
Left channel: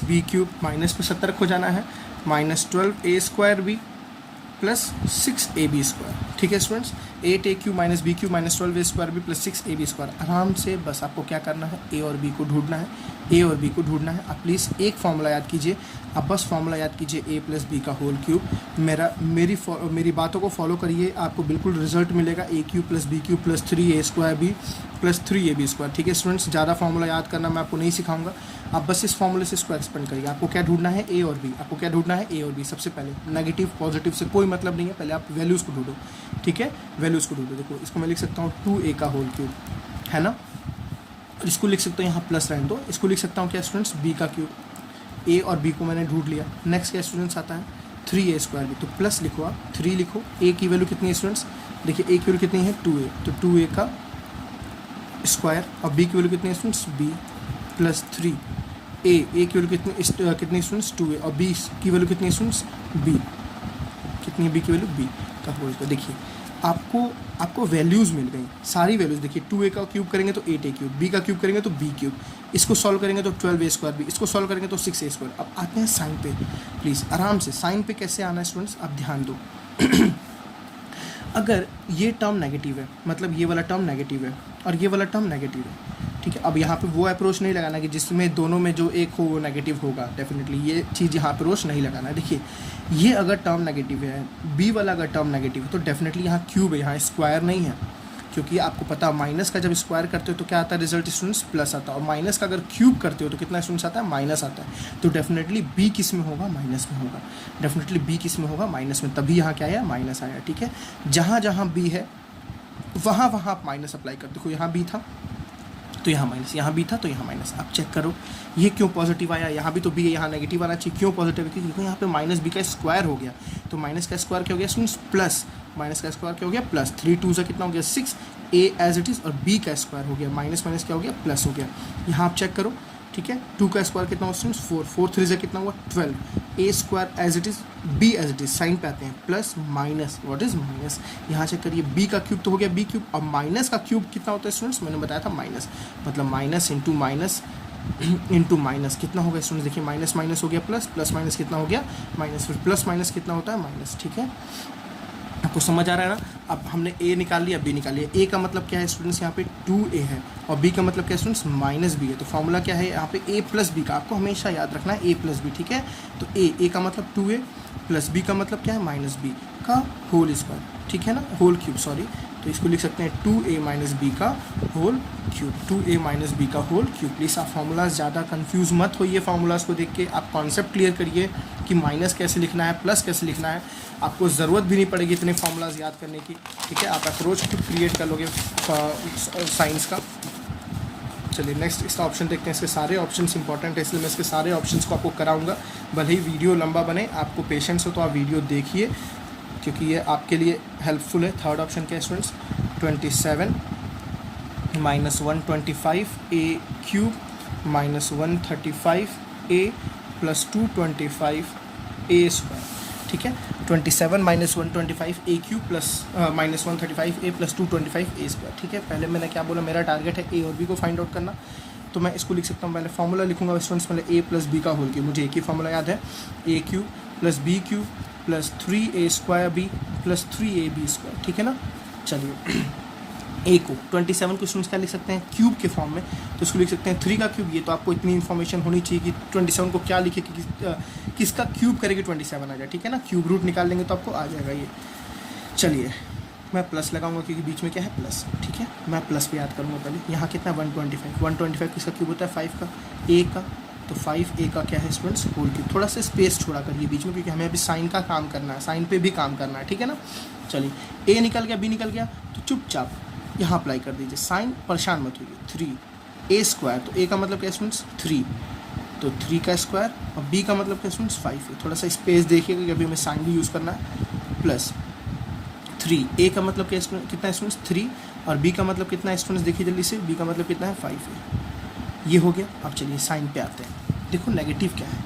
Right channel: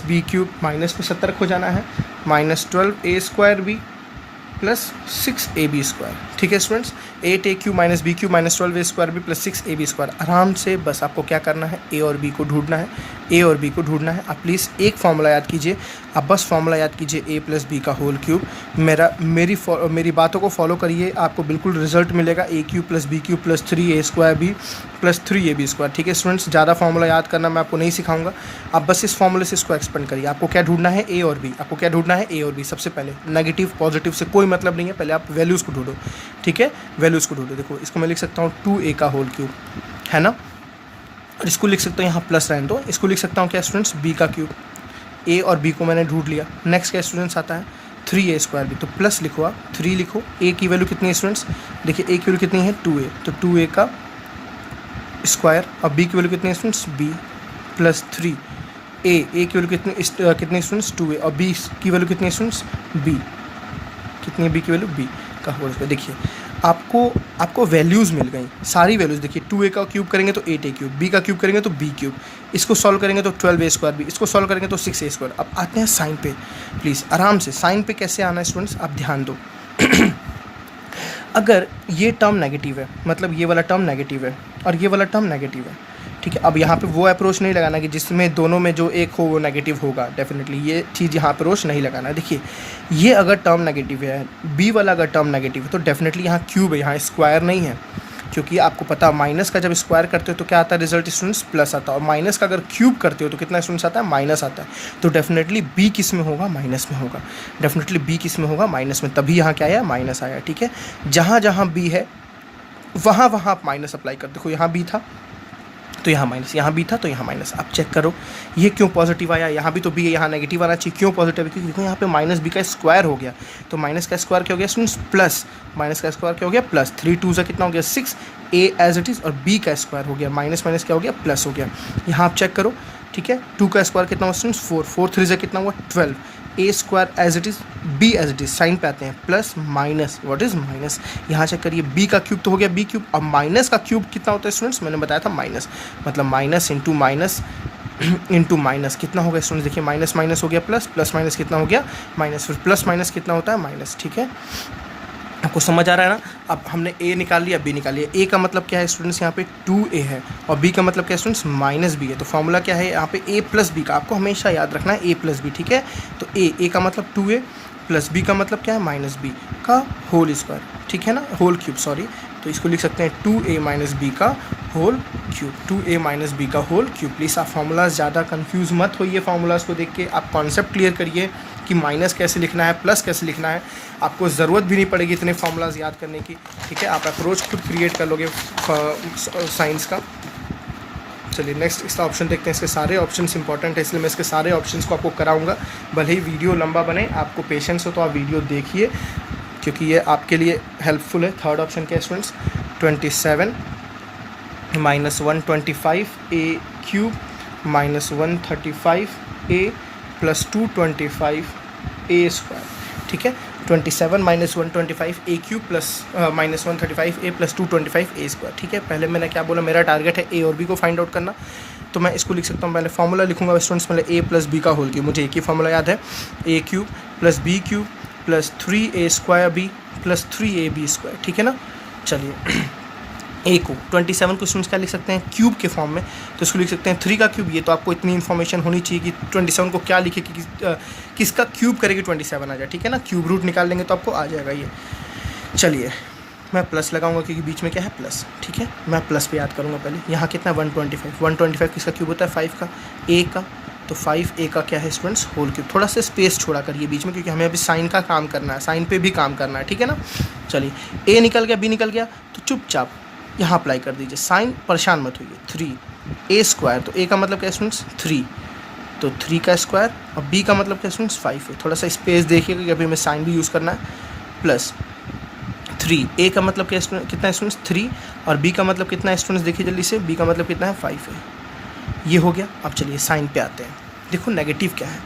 - b³ माइनस में 70 हो जाना है, -12a² + 6ab², ठीक है students. 8a³ - b³ - 12a² + 6ab²। आराम से बस आपको क्या करना है a और b को ढूंढना है, a और b को ढूंढना है। आप प्लीज़ एक फार्मूला याद कीजिए, आप बस फार्मूला याद कीजिए a + b का होल क्यूब। मेरी बातों को फॉलो करिए, आपको बिल्कुल रिजल्ट मिलेगा a³ + b³ + 3a² + 3ab², ठीक है स्टूडेंट्स। ज़्यादा फार्मूला याद करना मैं आपको नहीं सिखाऊंगा, आप बस इस फार्मूले से इसको एक्सपेंड करिए। आपको क्या ढूंढना है a और b, आपको क्या ढूंढना है a और b। सबसे पहले नेगेटिव पॉजिटिव से कोई मतलब नहीं है, पहले आप वैल्यूज़ को ढूंढो, ठीक है वैल्यूज़ को ढूंढो। देखो इसको मैं लिख सकता हूँ 2a का होल क्यूब है ना, और इसको लिख सकता हूँ यहाँ प्लस रहने दो, इसको लिख सकता हूँ क्या स्टूडेंट्स b का क्यूब। a और b को मैंने ढूंढ लिया। नेक्स्ट क्या स्टूडेंट्स आता है 3a² भी, तो प्लस लिखो आप 3 लिखो। a की वैल्यू कितनी है स्टूडेंट्स, देखिए a की वैल्यू कितनी है 2a, तो 2a का स्क्वायर। और b की वैल्यू कितनी है स्टूडेंट्स b + 3a, a की वैल्यू कितनी स्टूडेंट्स 2a और b की वैल्यू कितनी स्टूडेंट्स b, कितनी b की वैल्यू b का होल स्क्वायर। देखिए आपको वैल्यूज़ मिल गई, सारी वैल्यूज़। देखिए 2a का क्यूब करेंगे तो 8a³, b का क्यूब करेंगे तो b³, इसको सॉल्व करेंगे तो 12a² भी, इसको सॉल्व करेंगे तो 6a²। अब आते हैं साइन पे, प्लीज़ आराम से साइन पे कैसे आना है स्टूडेंट्स आप ध्यान दो। अगर ये टर्म नेगेटिव है, मतलब ये वाला टर्म नेगेटिव है और ये वाला टर्म नेगेटिव है, ठीक है। अब यहाँ पे वो अप्रोच नहीं लगाना कि जिसमें दोनों में जो एक हो वो नेगेटिव होगा, डेफिनेटली ये चीज़ यहाँ अप्रोच नहीं लगाना। देखिए ये अगर टर्म नेगेटिव है, बी वाला अगर टर्म नेगेटिव है तो डेफिनेटली यहाँ क्यूब है, यहाँ स्क्वायर नहीं है, क्योंकि आपको पता माइनस का जब स्क्वायर करते हो तो क्या आता है रिजल्ट स्टूडेंट्स, प्लस आता है, और माइनस का अगर क्यूब करते हो तो कितना स्टूडेंट्स आता है, माइनस आता है। तो डेफिनेटली बी किस में होगा, माइनस में होगा, डेफिनेटली बी किस में होगा, माइनस में, तभी यहाँ क्या आया, माइनस आया। ठीक है, जहाँ जहाँ बी है वहाँ वहाँ आप माइनस अप्लाई कर, देखो यहाँ बी था तो यहाँ माइनस, यहाँ बी था तो यहाँ माइनस। आप चेक करो ये क्यों पॉजिटिव आया, यहाँ भी तो बी है, यहाँ नेगेटिव आना चाहिए, क्यों पॉजिटिव है, क्योंकि यहाँ पे माइनस बी का स्क्वायर हो गया, तो माइनस का स्क्वायर क्या हो गया स्टूडेंट्स, प्लस, माइनस का स्क्वायर क्या हो गया, प्लस, 3 2 कितना हो गया 6, ए एज इट इज़, और बी का स्क्वायर हो गया, माइनस माइनस क्या हो गया, प्लस हो गया। यहाँ आप चेक करो, ठीक है, 2 का स्क्वायर कितना हुआ स्टूडेंट्स, 4, 4 3 से कितना हुआ 12, A square as it is, B as it is, sign पे आते हैं, plus minus, what is minus, यहाँ चेक करिए बी का क्यूब तो हो गया बी क्यूब, अब माइनस का क्यूब कितना होता है स्टूडेंट्स, मैंने बताया था माइनस, मतलब minus into minus into minus कितना हो गया स्टूडेंट्स, देखिए माइनस माइनस हो गया प्लस, प्लस माइनस कितना हो गया माइनस, फिर प्लस माइनस कितना होता है माइनस। ठीक है, आपको समझ आ रहा है ना। अब हमने ए निकाल लिया, बी निकाल लिया, ए का मतलब क्या है स्टूडेंट्स, यहाँ पे 2a है, और बी का मतलब क्या है स्टूडेंट्स, माइनस बी है, तो फॉर्मूला क्या है यहाँ पे a प्लस बी का, आपको हमेशा याद रखना है a प्लस बी। ठीक है, तो a का मतलब 2a प्लस b का मतलब क्या है माइनस b का होल स्क्वायर, ठीक है ना, होल क्यूब, सॉरी, तो इसको लिख सकते हैं 2a माइनस बी का whole cube, 2a minus B का होल क्यूब। प्लीज़ आप फार्मूलाज ज़्यादा कंफ्यूज मत होइए, फार्मूलाज को देख के आप कॉन्सेप्ट क्लियर करिए कि माइनस कैसे लिखना है, प्लस कैसे लिखना है, आपको ज़रूरत भी नहीं पड़ेगी इतने फार्मूलाज याद करने की। ठीक है, आप अप्रोच खुद क्रिएट कर लोगे साइंस का। चलिए नेक्स्ट इसका ऑप्शन देखते हैं, इसके सारे ऑप्शंस इंपॉर्टेंट है इसलिए मैं इसके सारे ऑप्शंस को आपको कराऊंगा, भले ही वीडियो लंबा बने, आपको पेशेंस हो तो आप वीडियो देखिए क्योंकि ये आपके लिए हेल्पफुल है। थर्ड ऑप्शन क्या है स्टूडेंट्स, 27 माइनस 125 ए क्यूब माइनस 135 ए प्लस 225 ए स्क्वायर। ठीक है, 27 माइनस 125 ए क्यूब प्लस माइनस 135 ए प्लस 225 ए स्क्वायर। ठीक है, पहले मैंने क्या बोला, मेरा टारगेट है ए और बी को फाइंड आउट करना, तो मैं इसको लिख सकता हूँ, पहले फॉर्मूला लिखूंगा स्टूडेंट्स, पहले ए प्लस बी का होल क्यूब, मुझे एक ही फॉर्मूला याद है, A cube plus B cube plus 3a square B plus 3a B square. ठीक है ना, चलिए ए को 27 को स्टूडेंट्स क्या लिख सकते हैं क्यूब के फॉर्म में, तो इसको लिख सकते हैं 3 का क्यूब, ये तो आपको इतनी इन्फॉर्मेशन होनी चाहिए कि 27 को क्या लिखे कि किसका क्यूब करेगी 27 आ जाए। ठीक है ना, क्यूब रूट निकाल लेंगे तो आपको आ जाएगा ये। चलिए मैं प्लस लगाऊंगा क्योंकि बीच में क्या है प्लस। ठीक है, मैं प्लस पे याद करूँगा पहले, यहाँ कितना 125 किसका क्यूब होता है 5 का, ए का, तो 5a का क्या है स्टूडेंट्स होल क्यूब। थोड़ा सा स्पेस छोड़ा करिए बीच में क्योंकि हमें अभी साइन का काम करना है, साइन पे भी काम करना है। ठीक है ना, चलिए a निकल गया, b निकल गया, तो चुपचाप यहाँ अप्लाई कर दीजिए, साइन परेशान मत होइए, 3a स्क्वायर, तो a का मतलब क्या स्टूडेंट्स 3, तो 3 का स्क्वायर, और b का मतलब क्या स्टूडेंट्स 5 है, थोड़ा सा स्पेस देखिएगा कि अभी हमें साइन भी यूज़ करना है, प्लस 3, a का मतलब क्या कितना है स्टूडेंट्स 3, और b का मतलब कितना है स्टूडेंट्स, देखिए जल्दी से, b का मतलब कितना है 5 है, ये हो गया। अब चलिए साइन पे आते हैं, देखो नेगेटिव क्या है,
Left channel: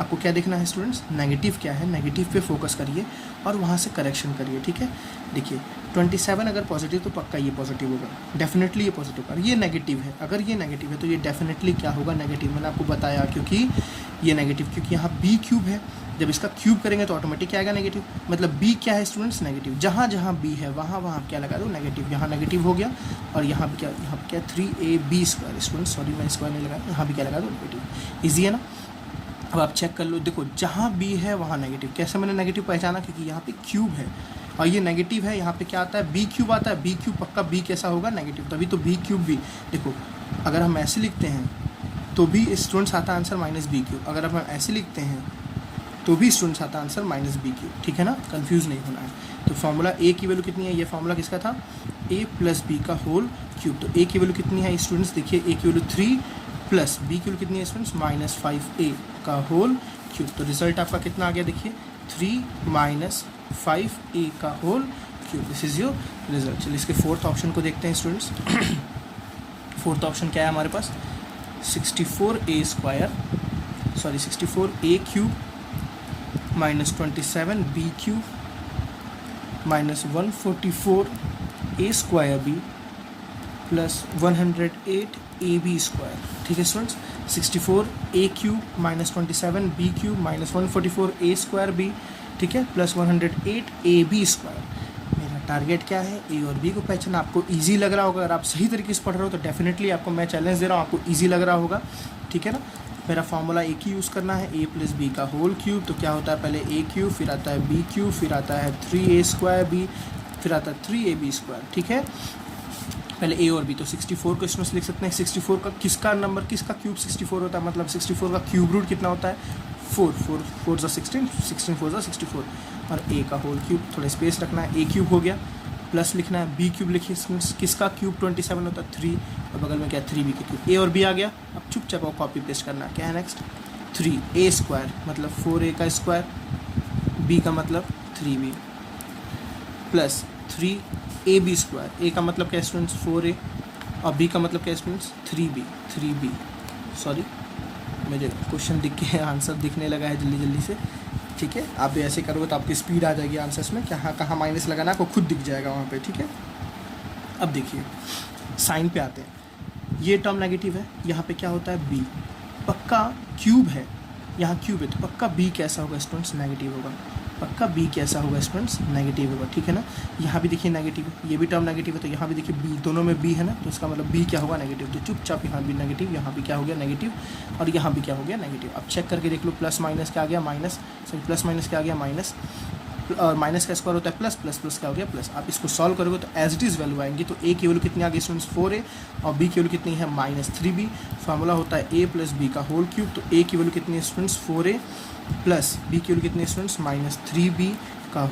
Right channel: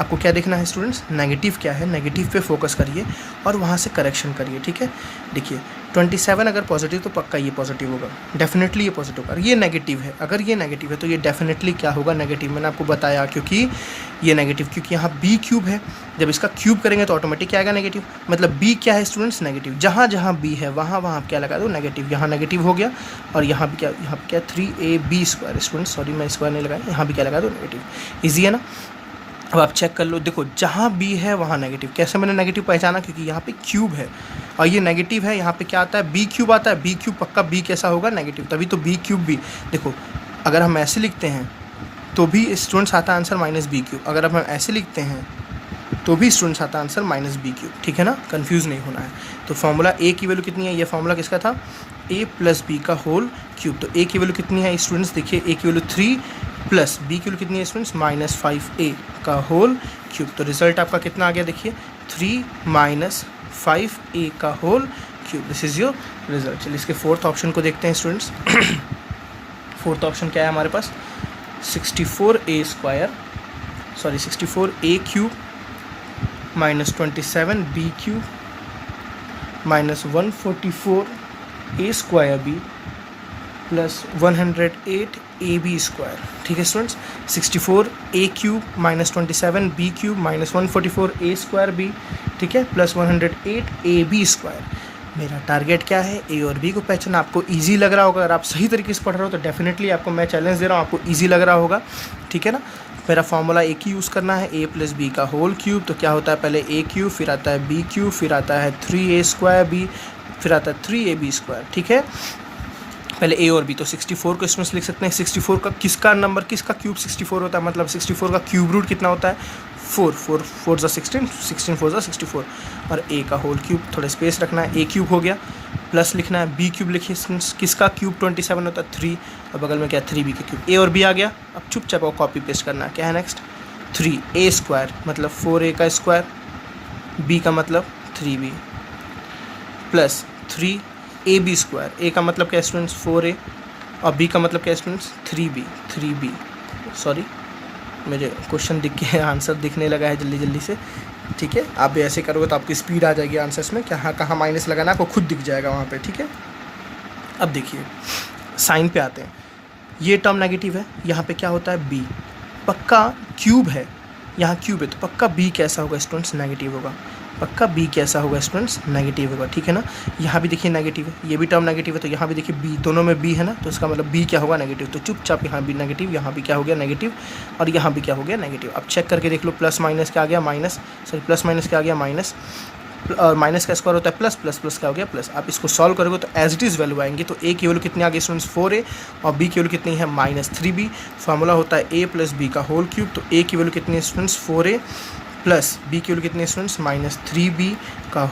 आपको क्या देखना है स्टूडेंट्स, नेगेटिव क्या है, नेगेटिव पे फोकस करिए और वहाँ से करेक्शन करिए। ठीक है, देखिए 27 अगर पॉजिटिव तो पक्का ये पॉजिटिव होगा, डेफिनेटली ये पॉजिटिव होगा, ये नेगेटिव है, अगर ये नेगेटिव है तो ये डेफिनेटली क्या होगा नेगेटिव, मैंने आपको बताया क्योंकि ये नेगेटिव, क्योंकि यहाँ बी क्यूब है, जब इसका क्यूब करेंगे तो ऑटोमेटिक क्या आएगा नेगेटिव, मतलब बी क्या है स्टूडेंट्स नेगेटिव, जहाँ जहाँ बी है वहाँ वहाँ क्या लगा दो नेगेटिव, यहाँ नेगेटिव हो गया, और यहाँ भी क्या 3ab स्क्वायर स्टूडेंट्स, सॉरी मैं स्क्वायर नहीं लगाया, यहाँ भी क्या लगा दो नेगेटिव, ईजी है ना। अब आप चेक कर लो, देखो जहाँ बी है वहाँ नेगेटिव, कैसे मैंने नेगेटिव पहचाना, क्योंकि यहाँ पे क्यूब है और ये नेगेटिव है, यहाँ पे क्या आता है बी क्यूब आता है, बी क्यूब पक्का बी कैसा होगा नेगेटिव, तभी तो बी क्यूब भी, देखो अगर हम ऐसे लिखते हैं तो भी स्टूडेंट्स आता है आंसर माइनस बी क्यूब, अगर हम ऐसे लिखते हैं तो भी स्टूडेंट्स आता है आंसर माइनस बी क्यूब। ठीक है ना, कंफ्यूज नहीं होना है। तो फॉर्मूला ए की वैल्यू कितनी है, ये फॉर्मूला किसका था, ए प्लस बी का होल क्यूब, तो ए की वैल्यू कितनी है स्टूडेंट्स, देखिए ए की वैल्यू 3 प्लस बी की वैल्यू कितनी है स्टूडेंट्स माइनस 5a का होल क्यूब, तो रिजल्ट आपका कितना आ गया, देखिए 3 माइनस 5a का whole cube, this is your result. चलिए इसके फोर्थ ऑप्शन को देखते हैं स्टूडेंट्स। फोर्थ ऑप्शन क्या है हमारे पास, 64a square, sorry 64a cube minus 27b cube minus 144a square B plus 108ab square. ठीक है students, 64a cube minus 27b cube minus 144a square B, ठीक है, प्लस 108ab स्क्वायर। मेरा target क्या है, ए और बी को पहचाना। आपको इजी लग रहा होगा, अगर आप सही तरीके से पढ़ रहे हो तो डेफिनेटली आपको मैं चैलेंज दे रहा हूँ, आपको इजी लग रहा होगा, ठीक है ना। मेरा फॉर्मूला एक ही यूज़ करना है, ए प्लस बी का होल क्यूब। तो क्या होता है, पहले ए क्यूब, फिर आता है बी क्यूब, फिर आता है 3a स्क्वायर बी, फिर आता है 3ab स्क्वायर, ठीक है। पहले ए और बी, तो 64 को इसमें से लिख सकते हैं। 64 का किसका नंबर, किसका क्यूब 64 होता है, मतलब 64 का क्यूब रूट कितना होता है, 4 4 4 ज़ा 16, 16 4 ज़ा 64। और ए का होल क्यूब, थोड़ा स्पेस रखना है, ए क्यूब हो गया, प्लस लिखना है बी क्यूब लिखिए, किसका क्यूब 27 होता है 3, और बगल में क्या 3b का क्यूब। ए और बी आ गया, अब चुपचाप वो कॉपी पेस्ट करना है। क्या है नेक्स्ट, 3a स्क्वायर मतलब 4a का स्क्वायर, b का मतलब 3b, plus 3ab square, a का मतलब क्या स्टूडेंट्स 4a, और b का मतलब क्या स्टूडेंट्स 3b। सॉरी, मुझे क्वेश्चन दिख के आंसर दिखने लगा है जल्दी जल्दी से, ठीक है। आप भी ऐसे करोगे तो आपकी स्पीड आ जाएगी आंसर्स में, कहाँ कहाँ माइनस लगाना आपको खुद दिख जाएगा वहाँ पे, ठीक है। अब देखिए साइन पे आते हैं, ये टर्म नेगेटिव है, यहाँ पे क्या होता है b, पक्का क्यूब है, यहाँ क्यूब है तो पक्का b कैसा होगा स्टूडेंट्स, नेगेटिव होगा। पक्का b कैसा होगा स्टूडेंट्स, नेगेटिव होगा, ठीक है ना। यहाँ भी देखिए नेगेटिव है, ये भी टर्म नेगेटिव है, तो यहाँ भी देखिए b, दोनों में b है ना, तो इसका मतलब b क्या होगा, नेगेटिव। तो चुपचाप यहाँ भी नेगेटिव, यहाँ भी क्या हो गया, नेगेटिव, और यहाँ भी क्या हो गया, नेगेटिव। अब चेक करके देख लो, प्लस माइनस क्या आ गया, माइनस, सॉरी प्लस माइनस क्या आ गया, माइनस, और माइनस का स्क्वायर होता है प्लस, प्लस प्लस क्या हो गया, प्लस। आप इसको सॉल्व करोगे तो एज इट इज़ वैल्यू आएंगी। तो ए की वैल्यू कितनी आ गई स्टूडेंट्स, 4a, और b की वैल्यू कितनी है, -3b। फॉर्मूला होता है a प्लस बी का होल क्यूब। तो a की वैल्यू कितनी है स्टूडेंट्स, 4a, प्लस b की वैल्यू कितनी है स्टूडेंट्स, -3b का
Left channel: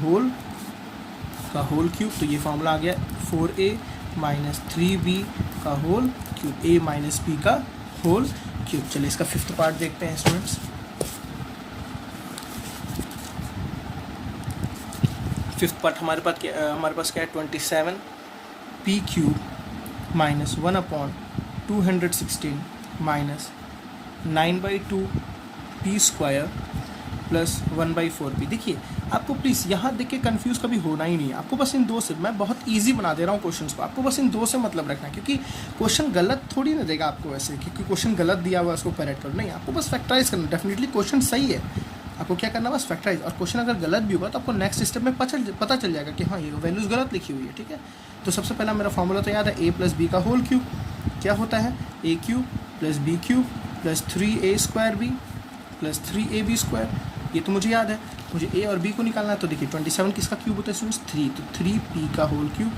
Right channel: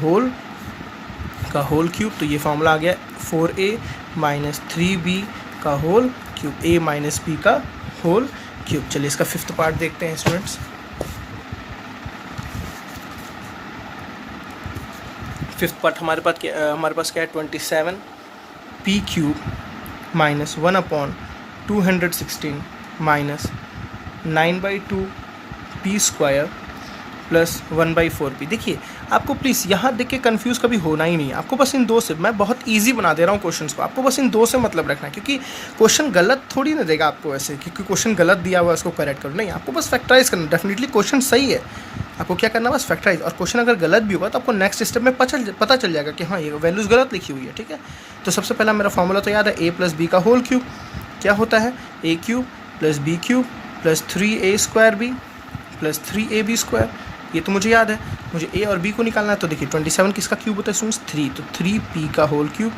होल क्यूब। तो ये फॉर्मूला आ गया 4a माइनस 3b का whole cube, a minus b का होल क्यूब। चलिए इसका फिफ्थ पार्ट देखते हैं स्टूडेंट्स। फिफ्थ पार्ट हमारे पास क्या है, 27 p cube minus 1/216 minus 9/2 p square plus 1/4p। देखिए आपको प्लीज़ यहाँ देख के कन्फ्यूज़ कभी होना ही नहीं है, आपको बस इन दो से, मैं बहुत इजी बना दे रहा हूँ क्वेश्चंस को, आपको बस इन दो से मतलब रखना है, क्योंकि क्वेश्चन गलत थोड़ी ना देगा आपको ऐसे, क्योंकि क्वेश्चन गलत दिया हुआ है उसको करेक्ट करो, नहीं, आपको बस फैक्टराइज करना। डेफिनेटली क्वेश्चन सही है, आपको क्या करना है, बस फैक्टराइज। और क्वेश्चन अगर गलत भी होगा तो आपको नेक्स्ट स्टेप में पता चल जाएगा कि हाँ ये वैल्यूज़ गलत लिखी हुई है, ठीक है। तो सबसे पहला मेरा फॉर्मूला तो याद है, a प्लस बी का होल क्यूब क्या होता है, a cube plus B cube plus 3a square B plus 3ab square. ये तो मुझे याद है, मुझे a और b को निकालना है। तो देखिए 27 किसका क्यूब होता है स्टूडेंट्स, 3, तो 3p का होल क्यूब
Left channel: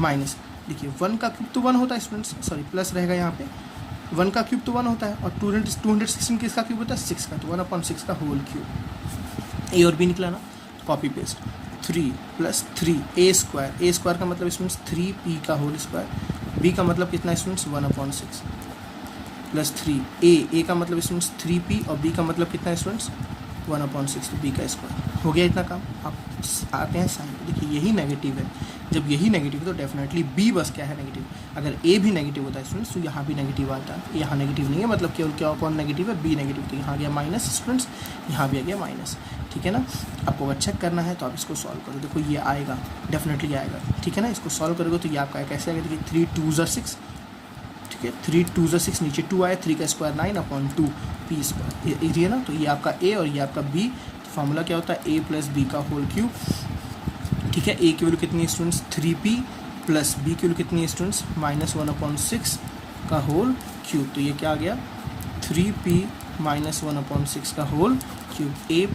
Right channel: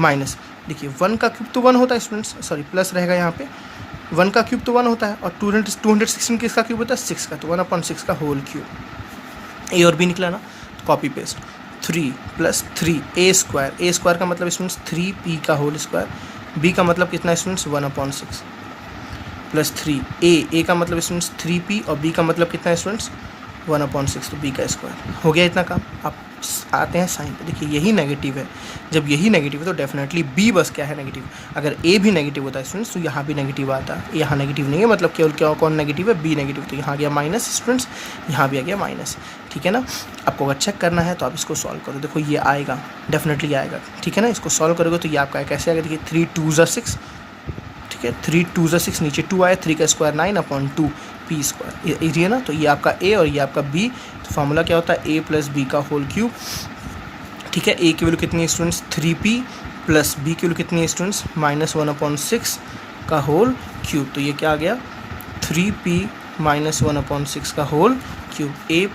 माइनस, देखिए 1 का क्यूब तो 1 होता है स्टूडेंट्स, सॉरी प्लस रहेगा यहाँ पे, 1 का क्यूब तो 1 होता है, और 216 किसका क्यूब होता है, 6 का, तो 1/6 का होल क्यूब। ए और बी निकला ना, copy paste, 3 plus 3a square का मतलब स्टूडेंट्स 3p का होल स्क्वायर, b का मतलब कितना स्टूडेंट्स 1/6 प्लस 3a का मतलब स्टूडेंट्स 3p, और b का मतलब कितना स्टूडेंट्स 1/6, तो b का स्क्वायर हो गया इतना काम। आप आते हैं साइन पे, देखिए यही नेगेटिव है, जब यही नेगेटिव है तो डेफिनेटली b बस क्या है, नेगेटिव। अगर a भी नेगेटिव होता है स्टूडेंट्स तो यहाँ भी नेगेटिव आता है, यहाँ नेगेटिव नहीं है, मतलब केवल क्या कौन नेगेटिव है, b नेगेटिव, तो यहाँ आ गया माइनस स्टूडेंट्स, यहाँ भी आ गया माइनस, ठीक है ना। आपको अगर चेक करना है तो आप इसको सॉल्व करो, देखो ये आएगा, डेफिनेटली आएगा, ठीक है ना। इसको सॉल्व करोगे तो ये आपका कैसे आएगा, देखिए 3 2 ज़ा 6, ठीक है, 3 2 ज़ा 6, नीचे 2 आया, 3 का स्क्वायर 9/2 p स्क्वायर, ये है ना। तो ये आपका a और ये आपका b, तो फार्मूला क्या होता है, a प्लस b का होल क्यूब, ठीक है। a की वैल्यू कितनी है स्टूडेंट्स 3p, प्लस b की वैल्यू कितनी है स्टूडेंट्स -1/6 का होल क्यूब। तो ये क्या आ गया, 3p माइनस 1/6 का whole cube, a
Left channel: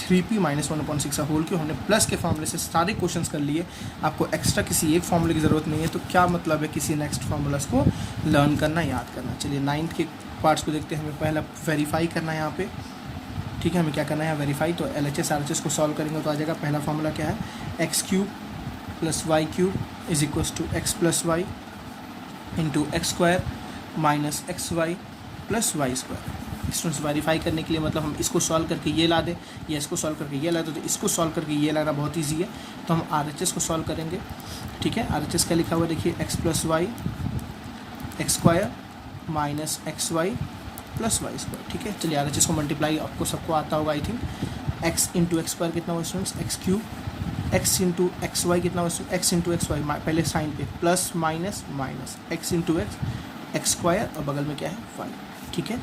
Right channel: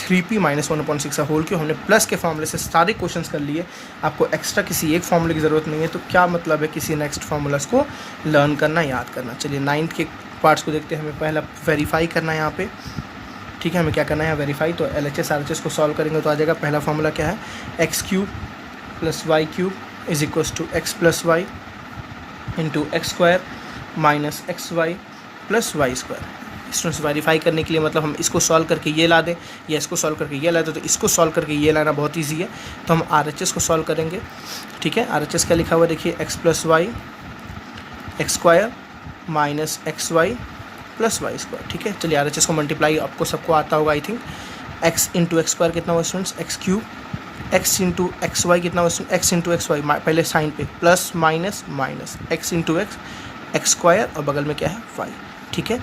3p minus 1/6 का होल क्यूब। हमने प्लस के फार्मूले से सारे क्वेश्चंस कर लिए, आपको एक्स्ट्रा किसी एक फार्मूले की ज़रूरत नहीं है, तो क्या मतलब है किसी नेक्स्ट फार्मूलास को लर्न करना, याद करना। चलिए 9th के पार्ट्स को देखते हैं। हमें पहला वेरीफाई करना है यहाँ पे, ठीक है, हमें क्या करना है वेरीफाई। तो LHS RHS को सॉल्व करेंगे तो आ जाएगा, पहला फार्मूला क्या है, x³ plus y³ is equals to x plus Y into X square minus XY plus Y square. Students verify करने के लिए मतलब हम इसको सॉल्व करके ये ला दें या इसको सॉल्व करके ये ला दें, तो इसको सॉल्व करके ये लाना बहुत ईजी है, तो हम RHS को सॉल्व करेंगे, ठीक है। RHS क्या लिखा हुआ है देखिए, x plus Y X square minus XY plus Y square, ठीक है। चलिए RHS को मल्टीप्लाई आपको सबको आता होगा I think, x into X square कितना हुआ students, x³ x into X Y कितना हुआ, x इंटू एक्स वाई, पहले साइन पे plus minus minus, x into X square और बगल में क्या है y, ठीक है,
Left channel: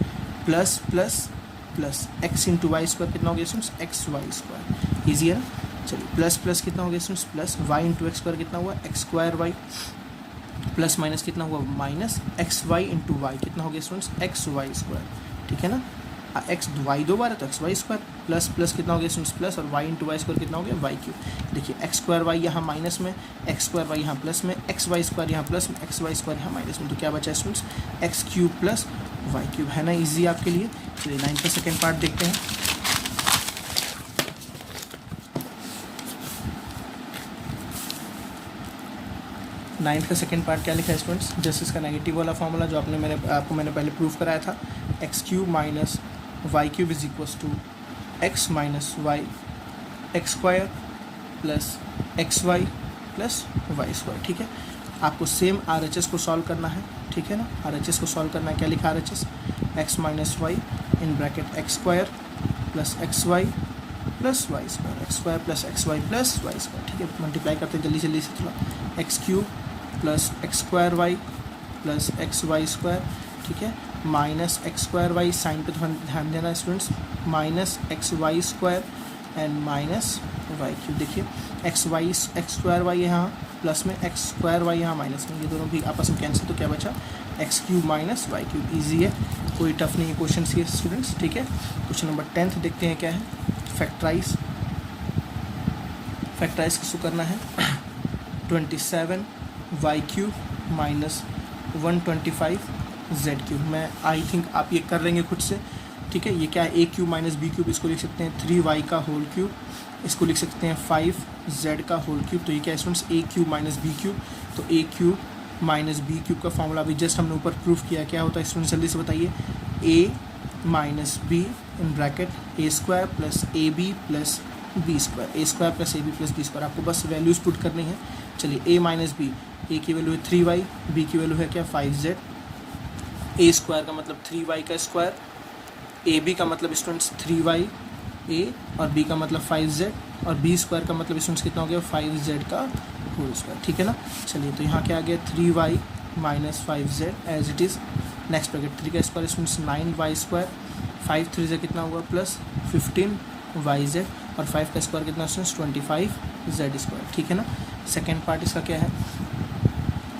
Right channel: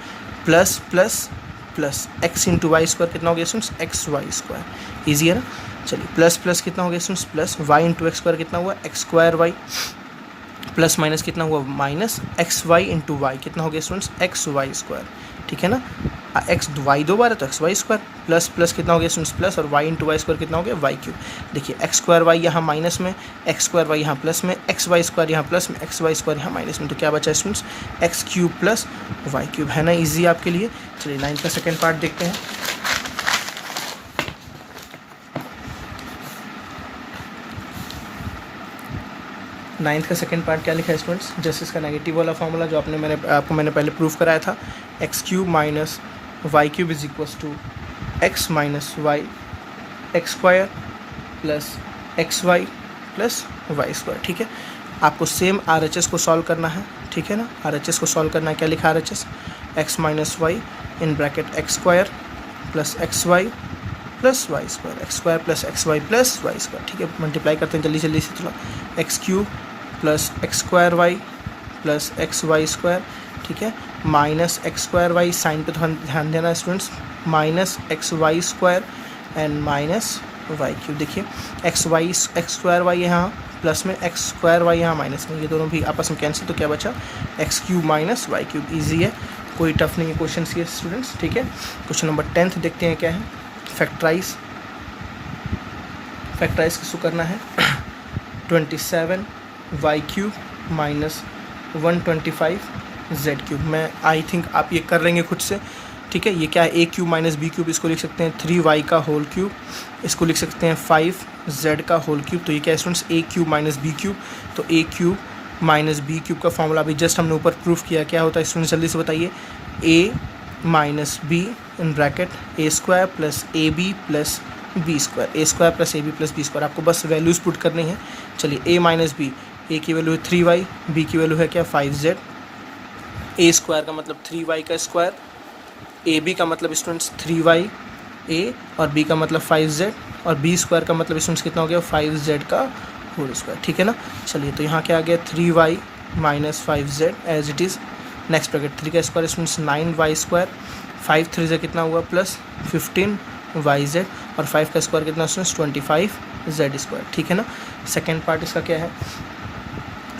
plus plus plus x into Y square कितना हो गया स्टूडेंट्स, XY स्क्वायर। ईजी है ना। चलिए प्लस प्लस कितना हो गया students, plus Y into X square कितना हुआ X square Y, plus minus कितना हुआ minus X Y into Y कितना हो गया स्टूडेंट्स एक्स वाई स्क्वायर, ठीक है ना। एक्स वाई दो बार है तो X Y square, plus plus कितना हो गया स्टूडेंट्स प्लस, और वाई इंटू वाई स्क्वायर कितना हो गया वाई क्यूब। देखिए एक्स स्क्वायर वाई यहाँ माइनस में, एक्स स्क्वायर वाई यहाँ प्लस में, एक्स वाई स्क्वायर यहाँ प्लस में, एक्स वाई स्क्वायर यहाँ माइनस में, तो क्या बचा students X cube plus Y cube, है ना ईजी आपके लिए। चलिए 9 का सेकेंड पार्ट देखते हैं। नाइन्थ का सेकंड पार्ट क्या लिखा है स्टूडेंट्स, जस्ट इसका नेगेटिव वाला फॉर्मूला जो आपको मैंने पहले प्रूफ कराया था, X cube minus Y cube is equals to X minus Y X square plus X Y plus Y square, ठीक है। आपको सेम आर एच एस को सॉल्व करना है, ठीक है ना। आर एच एस को सॉल्व करना है, क्या लिखा R H S, X minus Y in bracket X square plus X Y plus Y square, X square plus X Y plus Y square, ठीक है। मल्टीप्लाई करते हैं जल्दी जल्दी से थोड़ा, X cube plus X square Y plus X Y square, ठीक है, minus X square Y, sign पे ध्यान देना students, minus X Y square and minus Y cube. देखिए एक्स स्क्वायर वाई यहाँ प्लस में, एक्स स्क्वायर वाई यहाँ minus में, ये दोनों भी आपस में कैंसिल, तो क्या बचा X cube minus Y cube. Easy है, कोई टफ नहीं है क्वेश्चन ये स्टूडेंट्स, ठीक है। क्वेश्चन नंबर 10 देखते हैं क्या है, फैक्टराइज किसको करना है, 27 Y cube minus 125 Z cube. मैं आई थिंक आप ये कर लेंगे खुद से, ठीक है। ये क्या है, A cube minus B cube, इसको लिख सकते हैं 3 वाई का होल क्यूब, इसको लिख सकते हैं 5 जेड का होल क्यूब। तो ये क्या है स्टूडेंट्स, ए क्यूब माइनस बी क्यूब, तो ए क्यूब माइनस बी क्यूब का फॉर्मूला अभी जस्ट हमने ऊपर प्रूफ किया, क्या होता है स्टूडेंट्स जल्दी से बताइए, A minus B in bracket A square plus A B plus B square, A square plus A B plus B square. आपको बस वैल्यूज़ पुट करनी है। चलिए ए माइनस बी, ए की वैल्यू है 3 वाई, बी की वैल्यू है क्या 5 जेड, ए स्क्वायर का मतलब 3 वाई का स्क्वायर, ए बी का मतलब स्टूडेंट्स 3 वाई ए और बी का मतलब 5 जेड, और बी स्क्वायर का मतलब स्टूडेंट्स कितना हो गया 5 जेड का होल स्क्वायर, ठीक है ना। चलिए तो यहाँ क्या आ गया 3 Y minus 5 Z as it is, next bracket 3 का स्क्वायर स्टूडेंट्स 9 वाई स्क्वायर, 5 3 से कितना हुआ प्लस 15 वाई जेड, और 5 का स्क्वायर कितना स्टूडेंट्स 25 जेड स्क्वायर, ठीक है ना। सेकेंड पार्ट इसका क्या है,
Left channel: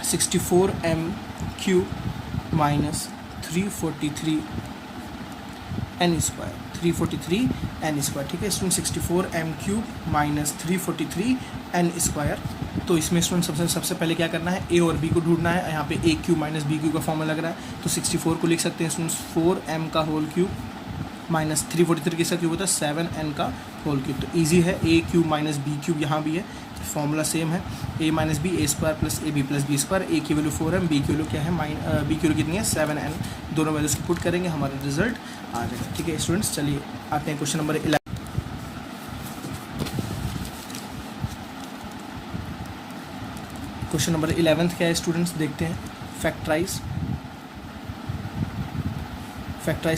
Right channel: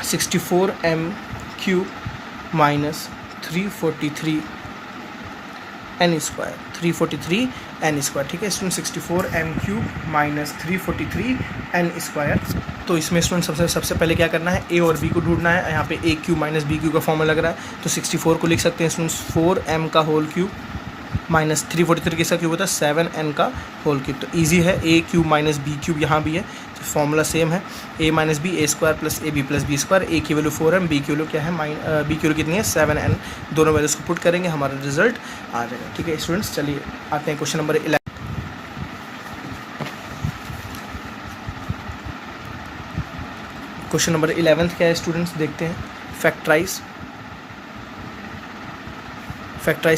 64 M cube minus 343 N square, 343 N square, ठीक है student. 64 M cube minus 343 N square. तो इसमें स्टूडेंट सबसे पहले क्या करना है, ए और बी को ढूंढना है। यहाँ पे ए क्यूब माइनस बी क्यूब का फॉर्मूला लग रहा है, तो 64 को लिख सकते हैं स्टूडेंट्स 4m का होल क्यूब माइनस 343 किसका क्यूब होता है 7n का होल क्यूब। तो ईजी है, A cube minus B cube यहाँ भी है, तो फॉर्मूला सेम है, A minus B A square plus A B plus B square. A की वैल्यू 4m, बी की वैल्यू क्या है बी की वैल्यू कितनी है 7n, दोनों वैल्यूज को पुट करेंगे हमारा रिजल्ट आ जाएगा, ठीक है स्टूडेंट्स। चलिए आते हैं क्वेश्चन नंबर 11। क्वेश्चन नंबर 11 क्या है स्टूडेंट्स, देखते हैं। फैक्टराइज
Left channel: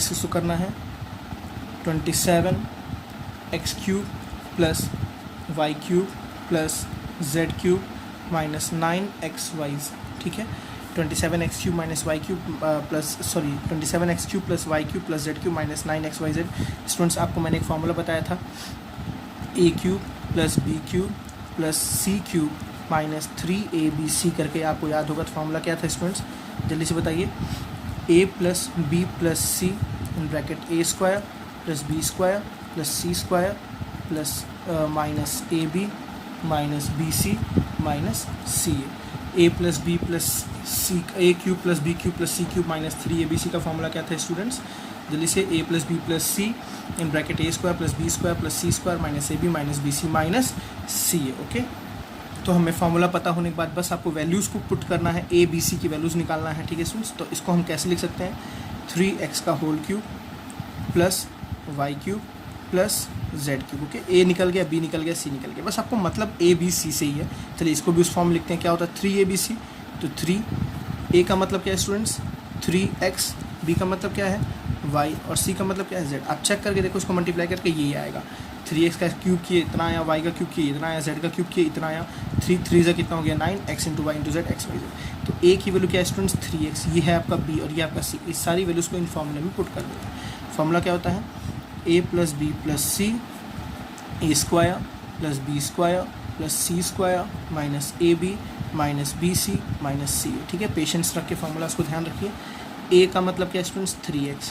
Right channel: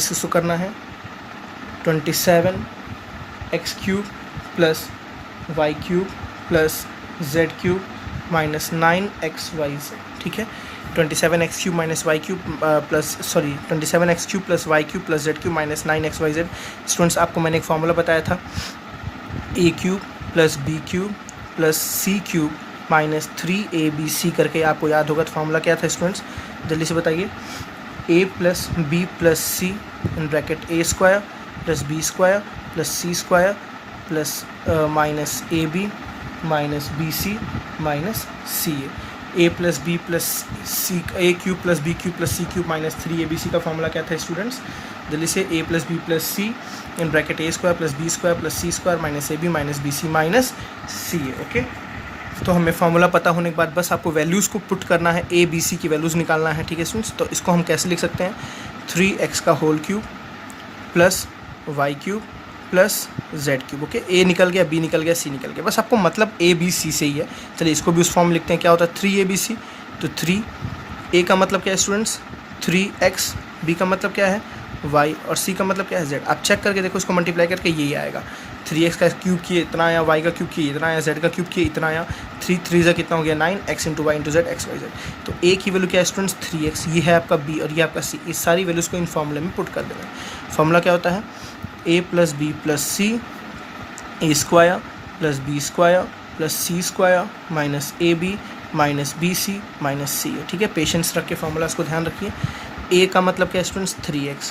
किसको करना है, 27 X cube plus Y cube plus Z cube minus 9 X Y Z, ठीक है। 27 X cube minus Y cube 27 X cube plus Y cube plus Z cube minus 9 X Y Z. Students आपको मैंने एक formula बताया था, A cube plus B cube plus C cube minus 3abc करके, आपको याद होगा। तो फॉर्मूला क्या था स्टूडेंट्स, जल्दी से बताइए, a plus B plus C in bracket A square plus B square plus C square plus minus A B minus B C minus C A plus B plus C, A cube plus B cube plus C cube minus 3abc का formula क्या था students, जल्दी से, A plus B plus C in bracket A square plus B square plus C square minus A B minus B C minus C A, okay. तो हमें formula पता होने के बाद बस आपको वैल्यूज़ को पुट करना है, ए बी सी की वैल्यूज़ निकालना है, ठीक है स्टूडेंट्स। तो इसको हम कैसे लिख सकते हैं, 3x का whole cube plus Y cube plus Z cube, okay. A निकल गया, बी निकल गया, सी निकल गया, बस आपको मतलब ए बी सी से ही है। चलिए इसको भी उस फॉर्म में लिखते हैं, क्या होता है 3abc, तो 3 ए का मतलब क्या है स्टूडेंट्स 3x, बी का मतलब क्या है y, और सी का मतलब क्या है z। आप चेक करके देखो, इसको मल्टीप्लाई करके यही आएगा, 3x का क्यूब किए इतना आया, y का क्यूब किए इतना आया, z का क्यूब किए इतना आया, 3 3 कितना हो गया 9, x into Y into Z X Y Z. तो a की वैल्यू क्या है स्टूडेंट्स 3x, ये है आपका b और ये आपका c। इस सारी वैल्यूज़ को इन फॉर्मूले में पुट कर देना है। फॉर्मूला क्या होता है, a plus B plus C A square plus B square plus C square minus A B minus B C minus C A. ठीक है, पेशेंस रख के फॉर्मूलाज को ध्यान रखिए। ए का मतलब क्या है स्टूडेंट्स 3x,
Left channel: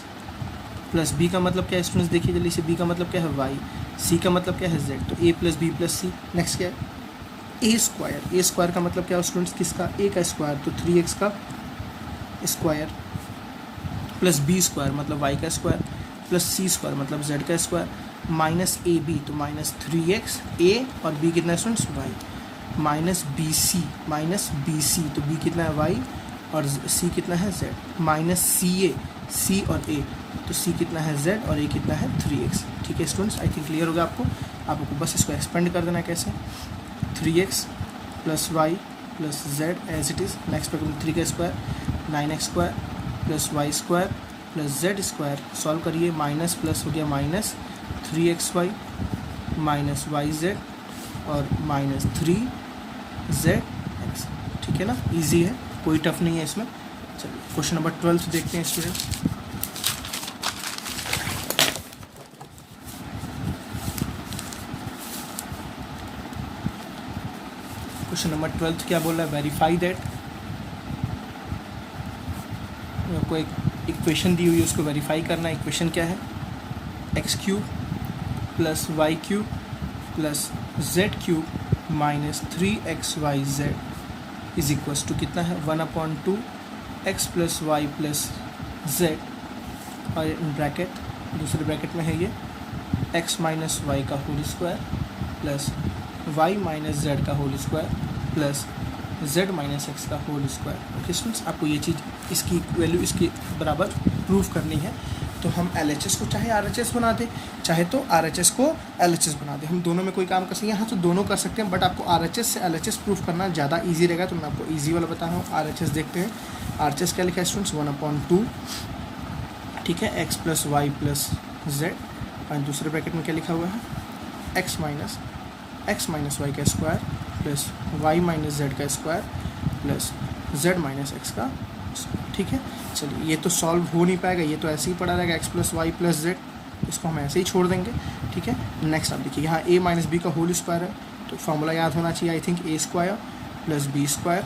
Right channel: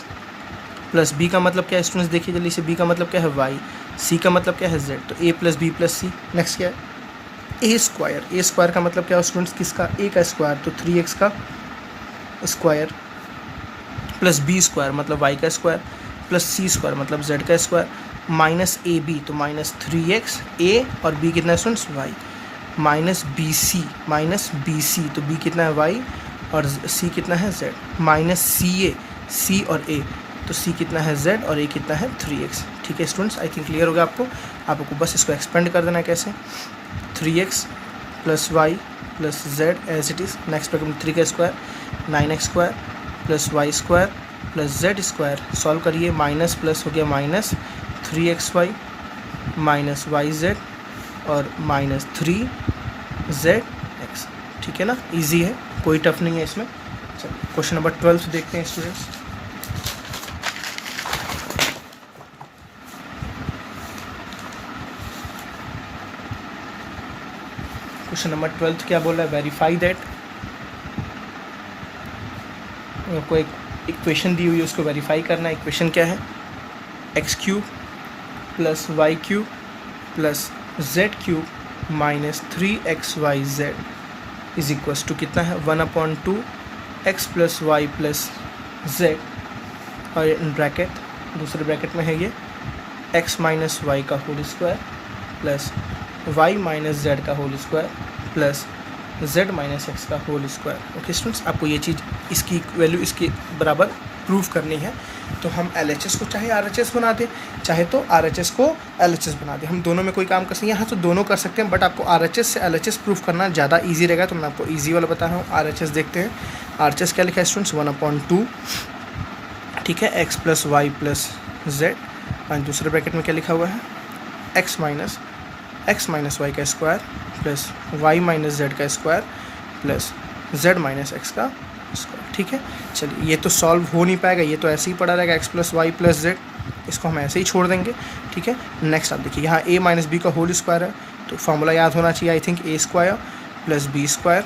प्लस बी का मतलब क्या है स्टूडेंट्स देखिए जल्दी से, बी का मतलब क्या है y, सी का मतलब क्या है z, तो a plus B plus C. Next क्या है ए स्क्वायर, ए स्क्वायर का मतलब क्या है स्टूडेंट्स किसका, a का स्क्वायर तो 3x का स्क्वायर, प्लस बी स्क्वायर मतलब y का स्क्वायर, प्लस सी स्क्वायर मतलब z का स्क्वायर, माइनस ए बी तो माइनस 3x, a और b कितना है students y, minus B C तो b कितना है y और c कितना है z, माइनस सी ए, c और a तो c कितना है z और a कितना है 3x। ठीक है स्टूडेंट्स, आई थिंक क्लियर हो गया आपको बस इसको एक्सपेंड कर देना है कैसे, 3x plus Y plus Z as it is, next bracket में 3 का square 9x square plus Y square plus Z square, solve करिए, माइनस प्लस हो गया minus 3xy minus Y Z और माइनस 3zx। ठीक है ना, इजी है, कोई टफ नहीं है इसमें। चलिए क्वेश्चन नंबर 12 देखते हैं स्टूडेंट्स। क्वेश्चन नंबर 12 क्या बोल रहा है, वेरीफाई दैट, आपको एक इक्वेशन दी हुई है उसको वेरीफाई करना है। इक्वेशन क्या है, X cube plus Y cube plus Z cube minus 3xyz is equals to कितना है 1/2 x plus Y plus Z और इन ब्रैकेट दूसरे ब्रैकेट में है ये x माइनस वाई का whole square plus y minus Z का whole square plus z minus X का होल स्क्वायर। ओके स्टूडेंट्स, आपको ये चीज़ इसकी वैल्यू इसके बराबर प्रूव करनी है। तो हम LHS को चाहे RHS बना दें, चाहे तो RHS को LHS बना दें, हम दोनों में कोई काम कर सकते हैं। यहाँ तो दोनों कर सकते हैं, बट आपको RHS से LHS प्रूफ करना ज़्यादा ईजी रहेगा, तो मैं आपको ईजी वाला बता रहा हूँ। RHS देखते हैं, RHS क्या लिखा है स्टूडेंट्स 1/2, ठीक है, x plus Y plus Z और दूसरे ब्रैकेट में क्या लिखा हुआ है x माइनस वाई का square plus y minus Z का square plus z minus X का स्क्वायर। ठीक है, चलिए ये तो सॉल्व हो नहीं पाएगा, ये तो ऐसे ही पड़ा रहेगा x plus Y plus Z, इसको हम ऐसे ही छोड़ देंगे। ठीक है, नेक्स्ट आप देखिए यहाँ a माइनस बी का होल स्क्वायर है, तो फॉर्मूला याद होना चाहिए I think, a square plus B square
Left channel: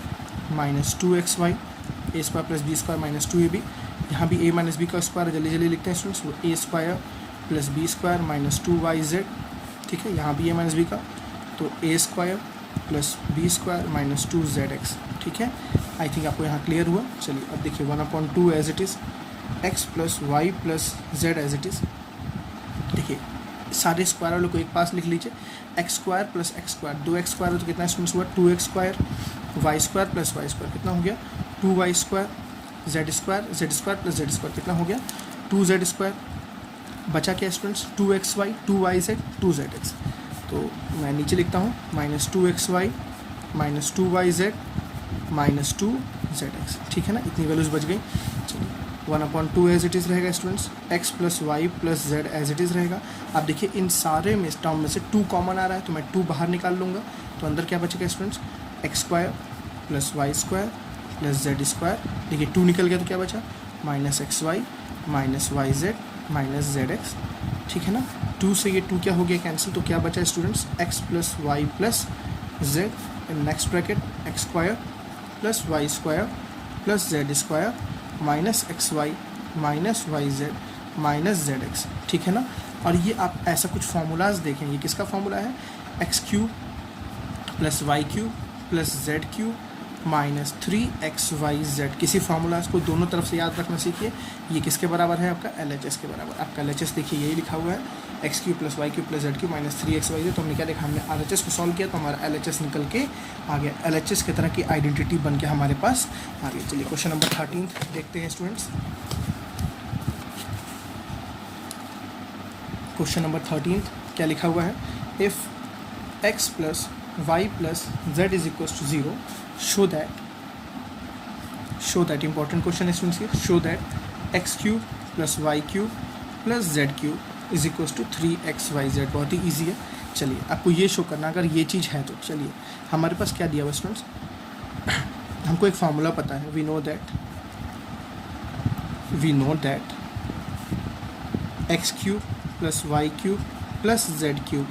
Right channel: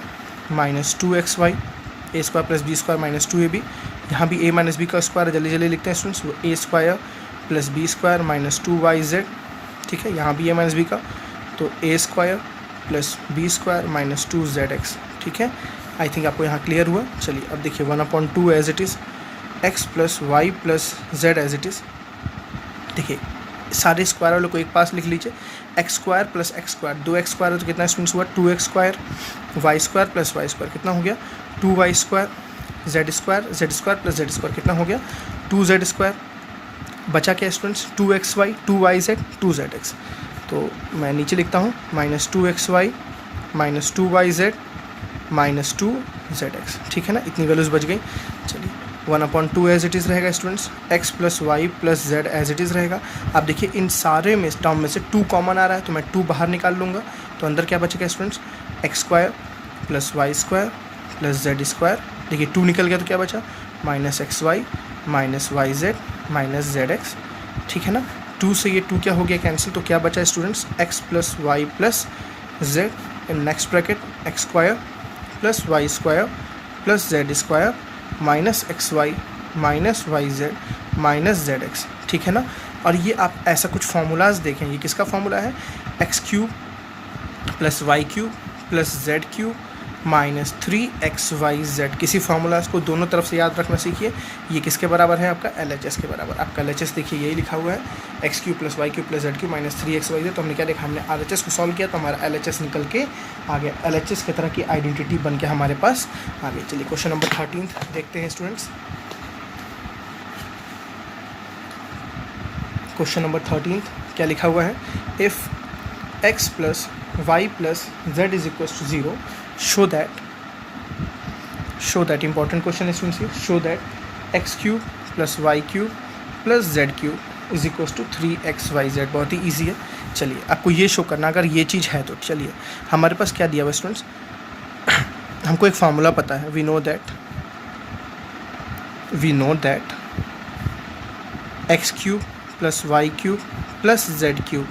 minus 2xy, a square plus B square minus 2ab। यहाँ भी a माइनस बी का स्क्वायर जल्दी जल्दी लिखते हैं students, a square plus B square minus 2yz। ठीक है, यहाँ भी a माइनस बी का, तो a square plus B square minus 2zx। ठीक है, आई थिंक आपको यहाँ क्लियर हुआ। चलिए अब देखिए 1/2 as it is, x plus Y plus Z as it is. देखिए सारे स्क्वायर वालों को एक पास लिख लीजिए, X square plus X square, 2x square है तो कितना स्टूडेंट्स हुआ 2x square, Y square plus Y square कितना हो गया 2y square, Z square plus Z square कितना हो गया 2z स्क्वायर। बचा क्या स्टूडेंट्स 2xy 2yz 2zx, तो मैं नीचे लिखता हूँ minus 2xy minus 2yz minus 2zx। ठीक है ना, इतनी वैल्यूज़ बच गई। चलिए 1/2 एज इट इज़ रहेगा students, x plus Y plus Z as it is रहेगा। अब देखिए इन सारे में टर्म में से 2 कॉमन आ रहा है, तो मैं 2 बाहर निकाल लूँगा, तो अंदर क्या बचेगा students X square plus Y square plus Z square. देखिए 2 निकल गया तो क्या बचा minus X Y minus Y Z minus Z X. ठीक है ना, 2 से ये 2 क्या हो गया कैंसिल, तो क्या बचा students X plus Y plus Z in next bracket X square plus Y square plus Z square minus X Y minus Y Z minus Z X. ठीक है ना, और ये आप ऐसा कुछ फार्मूलाज देखें, ये किसका फार्मूला है X cube plus Y cube plus Z cube minus 3xyz। किसी फार्मूलाज को दोनों तरफ से याद रखना सीखिए। ये किसके बराबर है आपका LHS के बराबर। आपका LHS देखिए यही लिखा हुआ है X cube plus Y cube plus Z cube minus 3xyz। तो हमने क्या देखा, हमने RHS को सॉल्व किया तो हमारा LHS निकल के आ गया, LHS की तरह की आइडेंटिटी बन के हमारे पास आ गई। चलिए क्वेश्चन नंबर 13 देखते हैं स्टूडेंट्स। क्वेश्चन नंबर 13 क्या लिखा हुआ है, if x plus Y plus Z is equal to 0 show that important question is students, show that x cube plus y cube plus z cube is equals to 3xyz। बहुत ही easy है। चलिए आपको ये show करना, अगर ये चीज़ है तो चलिए हमारे पास क्या दिया हुआ स्टूडेंट्स, हमको एक फार्मूला पता है, we know that x cube plus Y cube plus Z cube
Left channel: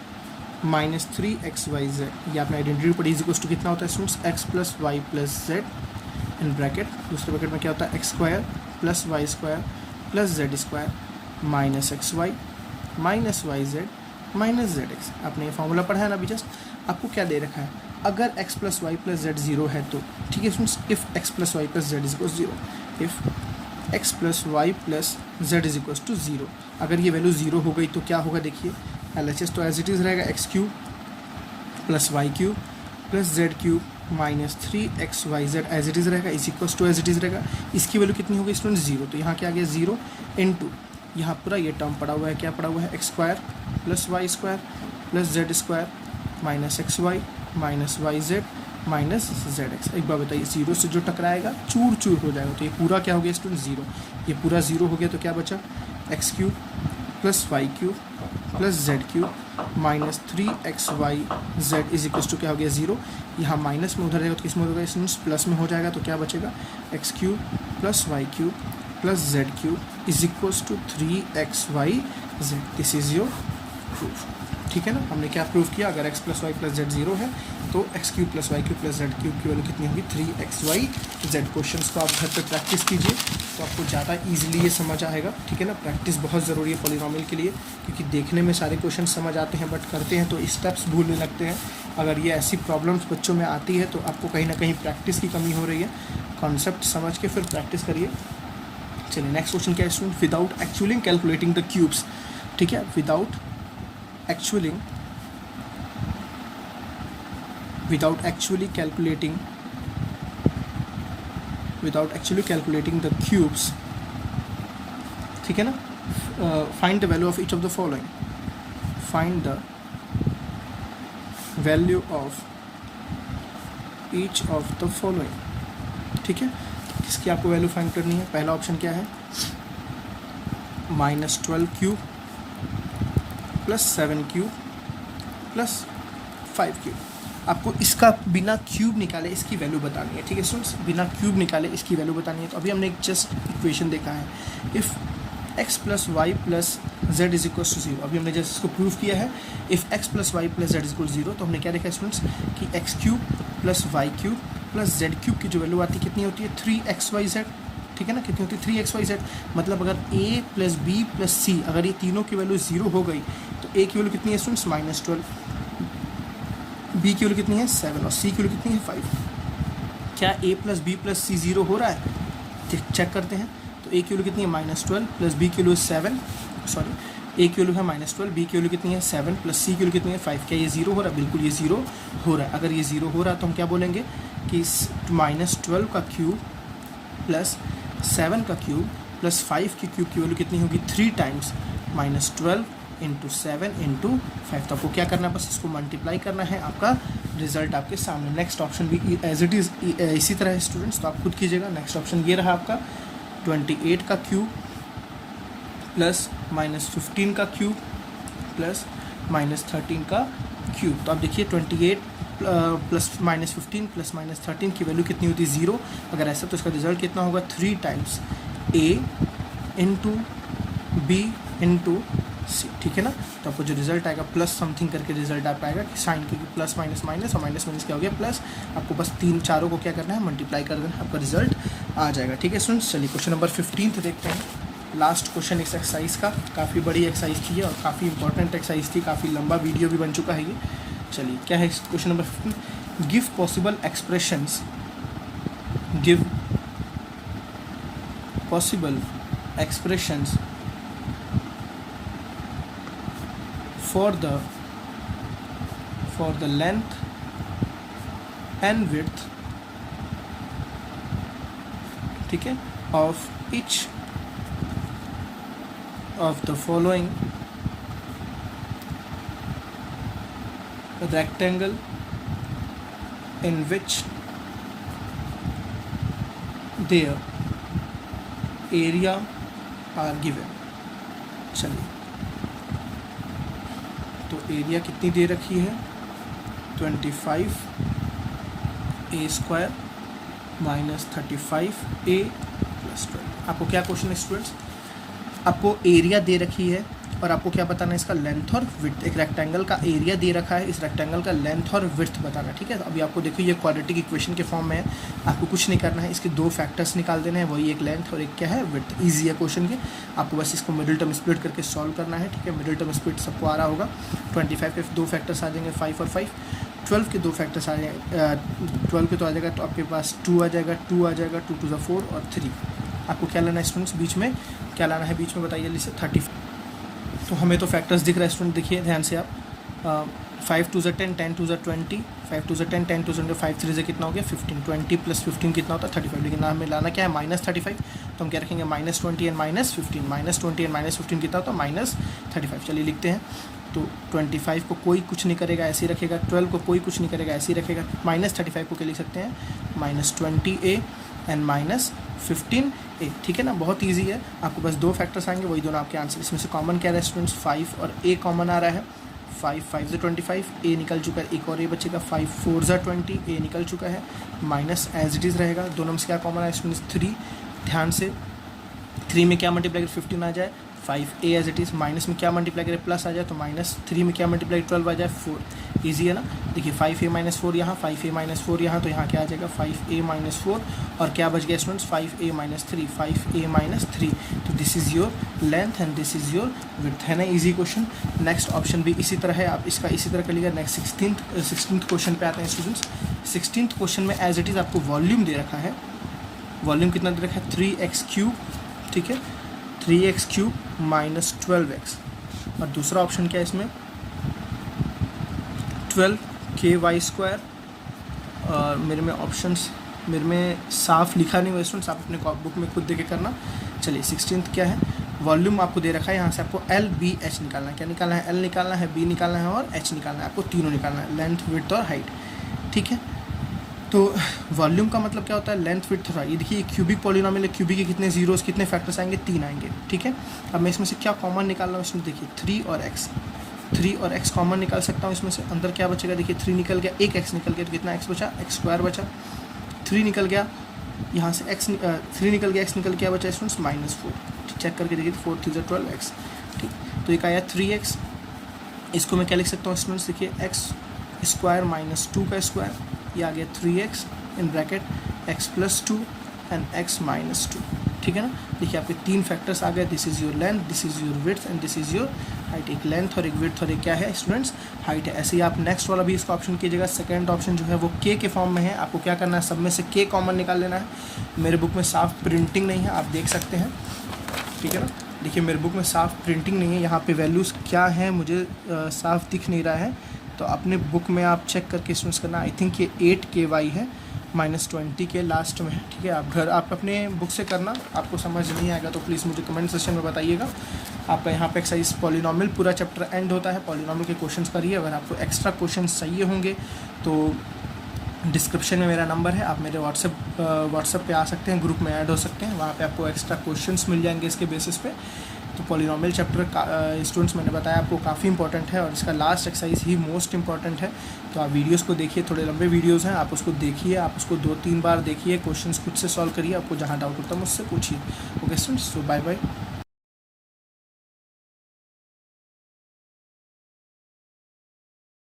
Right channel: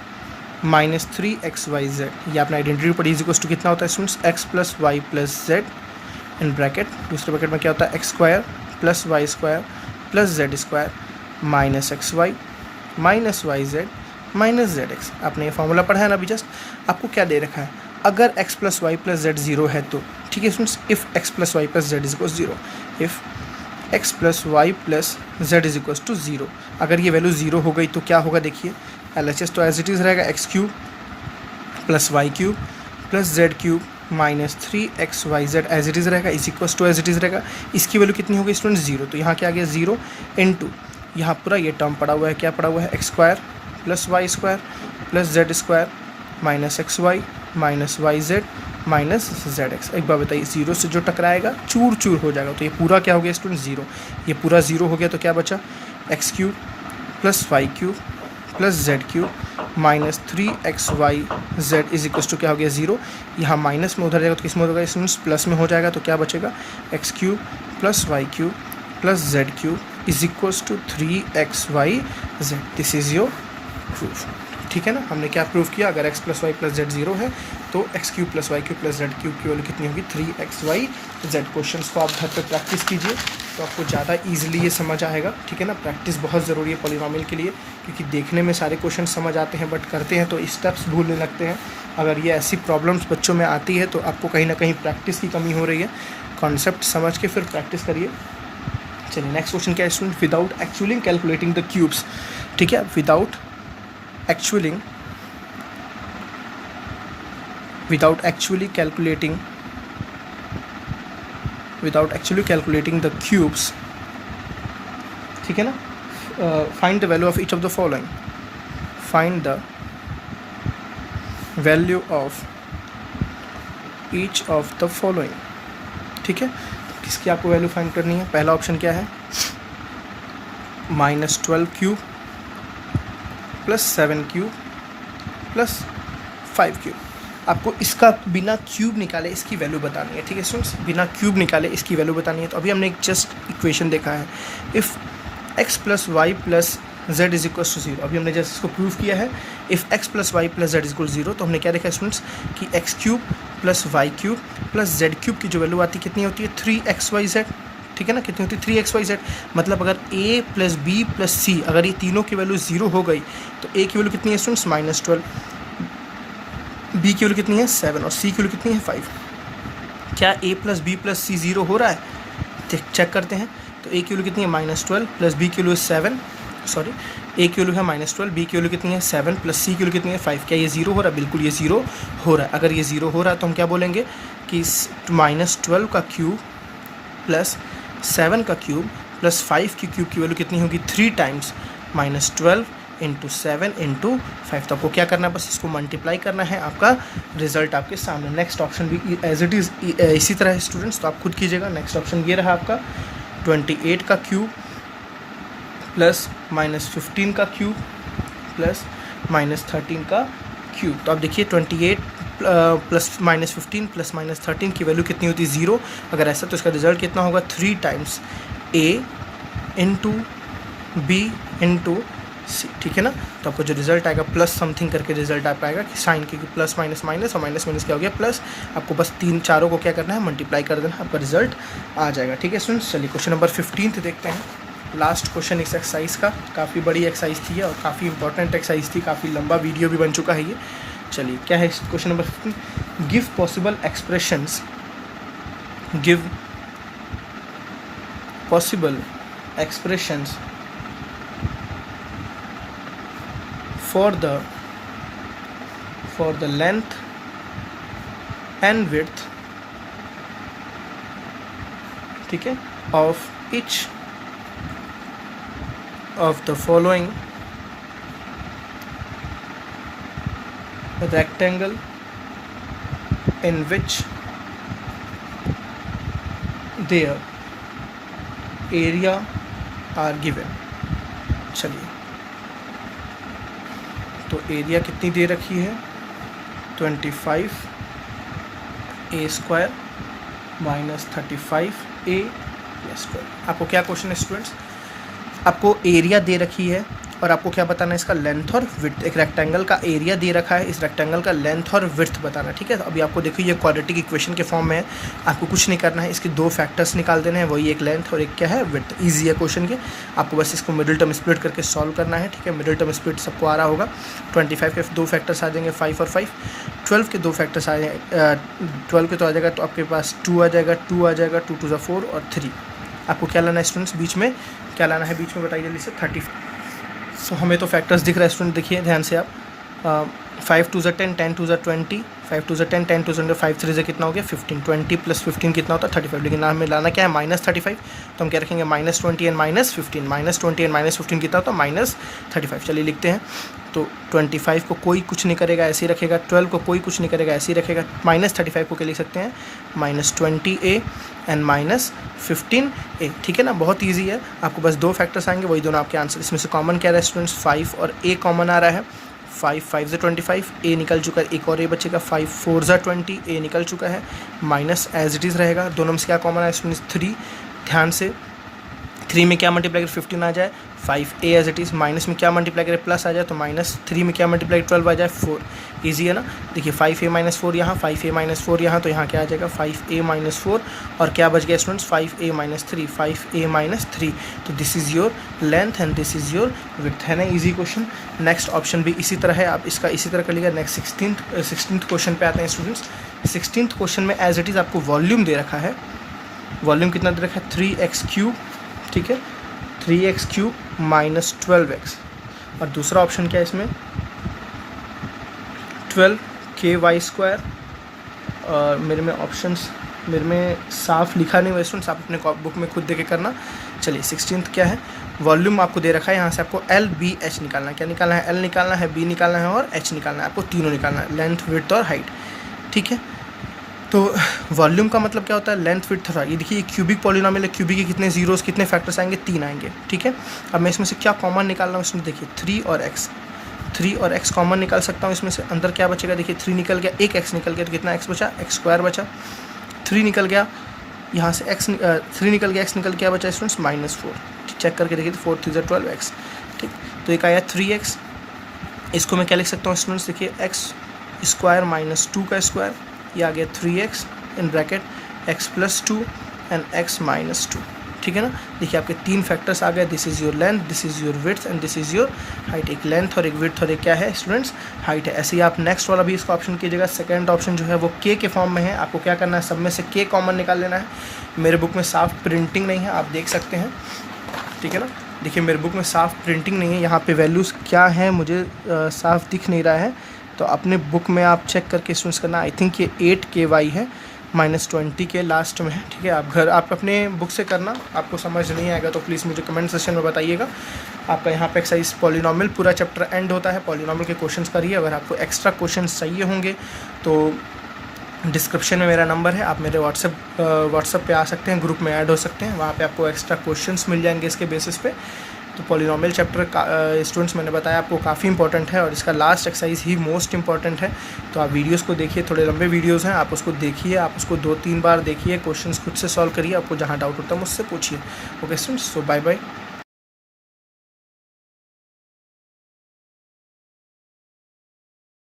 minus 3xyz, ये आपने आइडेंटिटी पढ़ी, इज इक्वल्स टू कितना होता है students, x plus Y plus Z in bracket, दूसरे ब्रैकेट में क्या होता है X square plus Y square plus Z square minus X Y minus Y Z minus Z X. आपने ये फॉर्मूला पढ़ा है ना अभी जस्ट। आपको क्या दे रखा है, अगर x plus Y plus Z zero है तो ठीक है students, if x plus Y plus Z is equals zero, if x plus Y plus Z is equals to zero, अगर ये वैल्यू जीरो हो गई तो क्या होगा देखिए, LHS तो एज इट इज़ रहेगा X cube plus Y cube plus Z cube minus 3xyz as it is रहेगा, is equals to as it is रहेगा। इसकी वैल्यू कितनी होगी स्टूडेंट, जीरो, तो यहाँ क्या आ गया जीरो इंटू यहाँ पूरा ये टर्म पड़ा हुआ है, क्या पड़ा हुआ है, X square plus Y square plus Z square minus X Y minus Y Z minus Z X. एक बार बताइए, जीरो से जो टकराएगा चूर चूर हो जाएगा, तो ये पूरा क्या हो गया स्टूडेंट, जीरो, ये पूरा जीरो हो गया, तो क्या बचा, X cube plus Y cube plus Z cube minus 3xyz is equals to क्या हो गया, जीरो, यहाँ माइनस में उधर जाएगा तो किस में होगा स्टूडेंट्स, प्लस में हो जाएगा, तो क्या बचेगा, X cube plus Y cube plus Z cube is equals to 3xyz। This is your proof. ठीक है ना, हमने क्या प्रूव किया, अगर x plus Y plus Z zero है तो X cube plus Y cube plus Z cube की वैल्यू कितनी होगी, 3xyz। क्वेश्चन को आप घर पे प्रैक्टिस कीजिए तो आपको ज़्यादा ईजिली ये समझ आएगा। ठीक है ना, प्रैक्टिस बहुत ज़रूरी है पॉलीनॉमियल के लिए, क्योंकि देखने में सारे क्वेश्चन समझ आते हैं बट करते हैं तो स्टेप्स भूलने लगते हैं। अगर ये ऐसी प्रॉब्लम्स बच्चों में आती है तो आपको कहीं ना कहीं प्रैक्टिस की कमी हो रही है। कॉन्सेप्ट समझ के फिर प्रैक्टिस करिए। चलिए नेक्स्ट क्वेश्चन क्या है student, without actually calculating the cubes. ठीक है, without actually calculating the cubes, ठीक है ना, find the value of each of the following, find the value of each of the following। ठीक है, किसकी आपको वैल्यू फाइंड करनी है, पहला ऑप्शन क्या है, -12 cube plus 7 cube plus 5 cube. आपको इसका बिना क्यूब निकाले इसकी वैल्यू बतानी है। ठीक है स्टूडेंट्स, बिना क्यूब निकाले इसकी वैल्यू बतानी है। तो अभी हमने एक जस्ट इक्वेशन देखा है, if x plus Y plus Z is equal to zero. अभी हमने जस्ट इसको प्रूव किया है, if x plus Y plus Z is equal zero, तो हमने क्या देखा स्टूडेंट्स कि X cube plus Y cube plus Z cube की जो वैल्यू आती है कितनी होती है, 3xyz। ठीक है ना, कितनी होती है 3xyz। मतलब अगर a प्लस बी प्लस सी, अगर ये तीनों की वैल्यू जीरो हो गई तो a की वैल्यू कितनी है स्टूडेंट्स, -12, b की वैल्यू कितनी है 7 और c की वैल्यू कितनी है 5। क्या a plus B plus C zero हो रहा है, चेक करते हैं। तो a की वैल्यू कितनी है -12 प्लस b की वैल्यू 7, सॉरी a की वैल्यू है -12, b की वैल्यू कितनी है 7 प्लस c की वैल्यू कितनी है 5। क्या ये जीरो हो रहा है, बिल्कुल ये जीरो हो रहा है। अगर ये जीरो हो रहा है तो हम क्या बोलेंगे कि -12 का क्यूब प्लस 7 का क्यूब प्लस 5 की क्यूब की वैल्यू कितनी होगी, 3 टाइम्स -12 इंटू 7 इंटू 5। तो आपको क्या करना है, बस इसको मल्टीप्लाई करना है, आपका रिजल्ट आपके सामने। नेक्स्ट ऑप्शन भी एज इट इज़ इसी तरह है स्टूडेंट्स, तो आप खुद कीजिएगा। नेक्स्ट ऑप्शन ये रहा आपका 28 का क्यूब प्लस -15 का क्यूब प्लस -13 का क्यूब। तो आप देखिए 28 प्लस -15 प्लस -13 की वैल्यू कितनी होती है, ज़ीरो। अगर ऐसा तो इसका रिजल्ट कितना होगा, 3 times a into B into C. ठीक है ना, तो आपको जो रिजल्ट आएगा प्लस समथिंग करके रिजल्ट आ पाएगा कि साइन, क्योंकि प्लस माइनस माइनस और माइनस माइनस क्या हो गया प्लस। आपको बस चारों को क्या करना है, मल्टीप्लाई कर देना, आपका रिजल्ट आ जाएगा। ठीक है स्टूडेंट्स, चलिए क्वेश्चन नंबर 15 देखते हैं। लास्ट क्वेश्चन इस एक्सरसाइज का, काफ़ी बड़ी एक्सरसाइज थी और काफ़ी इंपॉर्टेंट एक्सरसाइज थी, काफ़ी लंबा वीडियो भी बन चुका है ये। चलिए क्या है question number 15, give possible expressions, give possible expressions for the length and width, ठीक है, of each of the following rectangle in which their area are given। चलिए, तो एरिया कितनी दे रखी है, 25 a square minus 35 a plus 12। आपको क्या question है स्टूडेंट्स, आपको एरिया दे रखी है और आपको क्या बताना है, इसका लेंथ और विड्थ। एक रेक्टेंगल का एरिया दे रखा है, इस रेक्टेंगल का लेंथ और विड्थ बताना, ठीक है। अभी आपको देखिए ये क्वाड्रेटिक इक्वेशन के फॉर्म में है, आपको कुछ नहीं करना है, इसके दो फैक्टर्स निकाल देने हैं, वही एक लेंथ और एक क्या है, विड्थ। ईजी है क्वेश्चन के, आपको बस इसको मिडिल टर्म स्प्लिट करके सॉल्व करना है, ठीक है। मिडिल टर्म स्प्लिट सबको आ रहा होगा। 25 के दो फैक्टर्स आ जाएंगे 5 और 5, 12 के दो फैक्टर्स आ जाएंगे 12 के तो आ जाएगा, तो आपके पास 2 आ जाएगा, 2 आ जाएगा, 2 to the 4 और 3। आपको क्या लाना है स्टूडेंट्स, बीच में क्या लाना है, बीच में बताइए जल्दी से, 30। तो हमें तो फैक्टर्स दिख रहा है स्टूडेंट, देखिए ध्यान से आप, 5 to the 10, 10 to the 20, 5 to the 10, 10 to the 5 3 से कितना हो गया 15, 20 + 15 कितना होता है 35। लेकिन ना हमें लाना क्या है, -35, तो हम क्या रखेंगे -20 एंड -15, -20 एंड -15 कितना होता है -35। चलिए लिखते हैं। तो 25 को कोई कुछ नहीं करेगा, ऐसे ही रखेगा। 12 को कोई कुछ नहीं करेगा, ऐसे ही रखेगा। -35 को क्या लिख सकते हैं, -20a एंड -15a, ठीक है ना। बहुत ईजी है, आपको बस दो फैक्टर्स आएंगे, वही दोनों आपके आंसर। इसमें से कॉमन क्या रहा है स्टूडेंट्स, 5 और a कॉमन आ रहा है। 5 से 25, a निकल चुका है, एक और a बचेगा। 5 4 ज़ा 20, a निकल चुका है, माइनस एज इट इज़ रहेगा। दोनों में से क्या कॉमन आया स्टूडेंट्स, 3। ध्यान से 3 में क्या मल्टीप्लाई कर 15 आ जाए, 5a as it is. Minus में क्या मल्टीप्लाई करे, प्लस आ जाए, तो -3 में क्या मल्टीप्लाई 12 आ जाए 4। ईजी है ना। देखिए 5a - 4 यहाँ, 5a - 4 यहाँ, तो यहाँ क्या आ जाएगा 5a - 4 और क्या बच गया स्टूडेंट्स 5a - 3, 5a - 3। तो this is your length and this is your width, है ना। Easy question. नेक्स्ट ऑप्शन भी इसी तरह है, आप इसका इसी तरह कर लीजिए। नेक्स्ट 16th क्वेश्चन पे आते हैं स्टूडेंट्स। 16th क्वेश्चन में एज इट इज़ आपको वॉल्यूम दे रखा है। वॉल्यूम कितना दे रखा है, 3x³, ठीक है, 3x³ - 12x। और दूसरा ऑप्शन क्या है इसमें, 12ky²। और मेरे में साफ लिखा नहीं हुआ स्टूडेंट्स, आप अपने बुक में खुद देख के करना। चलिए 16th क्या है, वॉल्यूम आपको दे रखा है। यहाँ से आपको LBH निकालना है। क्या निकालना है, L निकालना है, B निकालना है और H निकालना है। आपको तीनों निकालना है, लेंथ, विड्थ और हाइट, ठीक है। तो वॉल्यूम का मतलब क्या होता है, लेंथ, विड्थ और हाइट। ये देखिए क्यूबिक पॉलिनोमियल है, क्यूबिक के कितने जीरोस, कितने फैक्टर्स आएंगे, 3 आएंगे, ठीक है। अब मैं इसमें से क्या कॉमन निकाल रहा हूँ, इसमें देखिए 3 और x कॉमन निकाल सकता हूँ। इसमें से अंदर क्या बचेगा, देखिए 3 निकल गया, एक x निकल गया, तो कितना x बचा, x² बचा। 3 निकल गया यहाँ से, 3 निकल गया, x निकल क्या बचा स्टूडेंट्स, -4। चेक करके देखिए, 4 3 = 12x, ठीक। तो एक आया 3x, इसको मैं क्या लिख सकता हूँ स्टूडेंट्स, देखिए x² - 2 का स्क्वायर, ये आ गया 3x in bracket x + 2 and x - 2, ठीक है ना। देखिए आपके 3 फैक्टर्स आ गए। This is your length, this is your width and this is your height. एक लेंथ और एक विड्थ और एक क्या है स्टूडेंट्स, हाइट है। ऐसे ही आप नेक्स्ट वाला भी इसका ऑप्शन कीजिएगा। सेकंड ऑप्शन जो है वो k के फॉर्म में है। आपको क्या करना है, सब में से k कॉमन निकाल लेना है। मेरे बुक में साफ प्रिंटिंग नहीं है, आप देख सकते हैं, ठीक है ना। देखिए मेरे बुक में साफ प्रिंटिंग नहीं है, यहाँ पे वैल्यूज़ क्या है मुझे साफ दिख नहीं रहा है। तो अपने बुक में आप चेक करके स्टूडेंट्स करना। आई थिंक ये 8ky है, -20 के लास्ट में है, ठीक है। आप अपने बुक से करना, आपको समझ नहीं आएगा तो प्लीज़ मुझे कमेंट सेक्शन में बताइएगा। आपका यहाँ पे एक्सरसाइज पॉलिनोमियल पूरा चैप्टर एंड होता है। पॉलिनोमियल के क्वेश्चंस करिए। अगर आपको एक्स्ट्रा क्वेश्चंस चाहिए होंगे तो डिस्क्रिप्शन में मेरा नंबर है, आप मेरे व्हाट्सएप पे आ सकते हैं, ग्रुप में ऐड हो सकते हैं। वहाँ पे आपको एक्स्ट्रा क्वेश्चंस मिल जाएंगे इसके बेसिस पे। तो पॉलिनोमियल चैप्टर स्टूडेंट्स मैंने बताया आपको काफ़ी इंपॉर्टेंट है और इसका लास्ट एक्सरसाइज ही मोस्ट इंपॉर्टेंट है। तो आप वीडियोस को देखिए, थोड़े लंबे वीडियोस हैं, आप उसको देखिए, आप उसको 2-3 बार देखिए, क्वेश्चंस खुद से सॉल्व करिए। आपको जहाँ डाउट होता है मुझसे पूछिए। ओके स्टूडेंट्स, सो बाय बाय।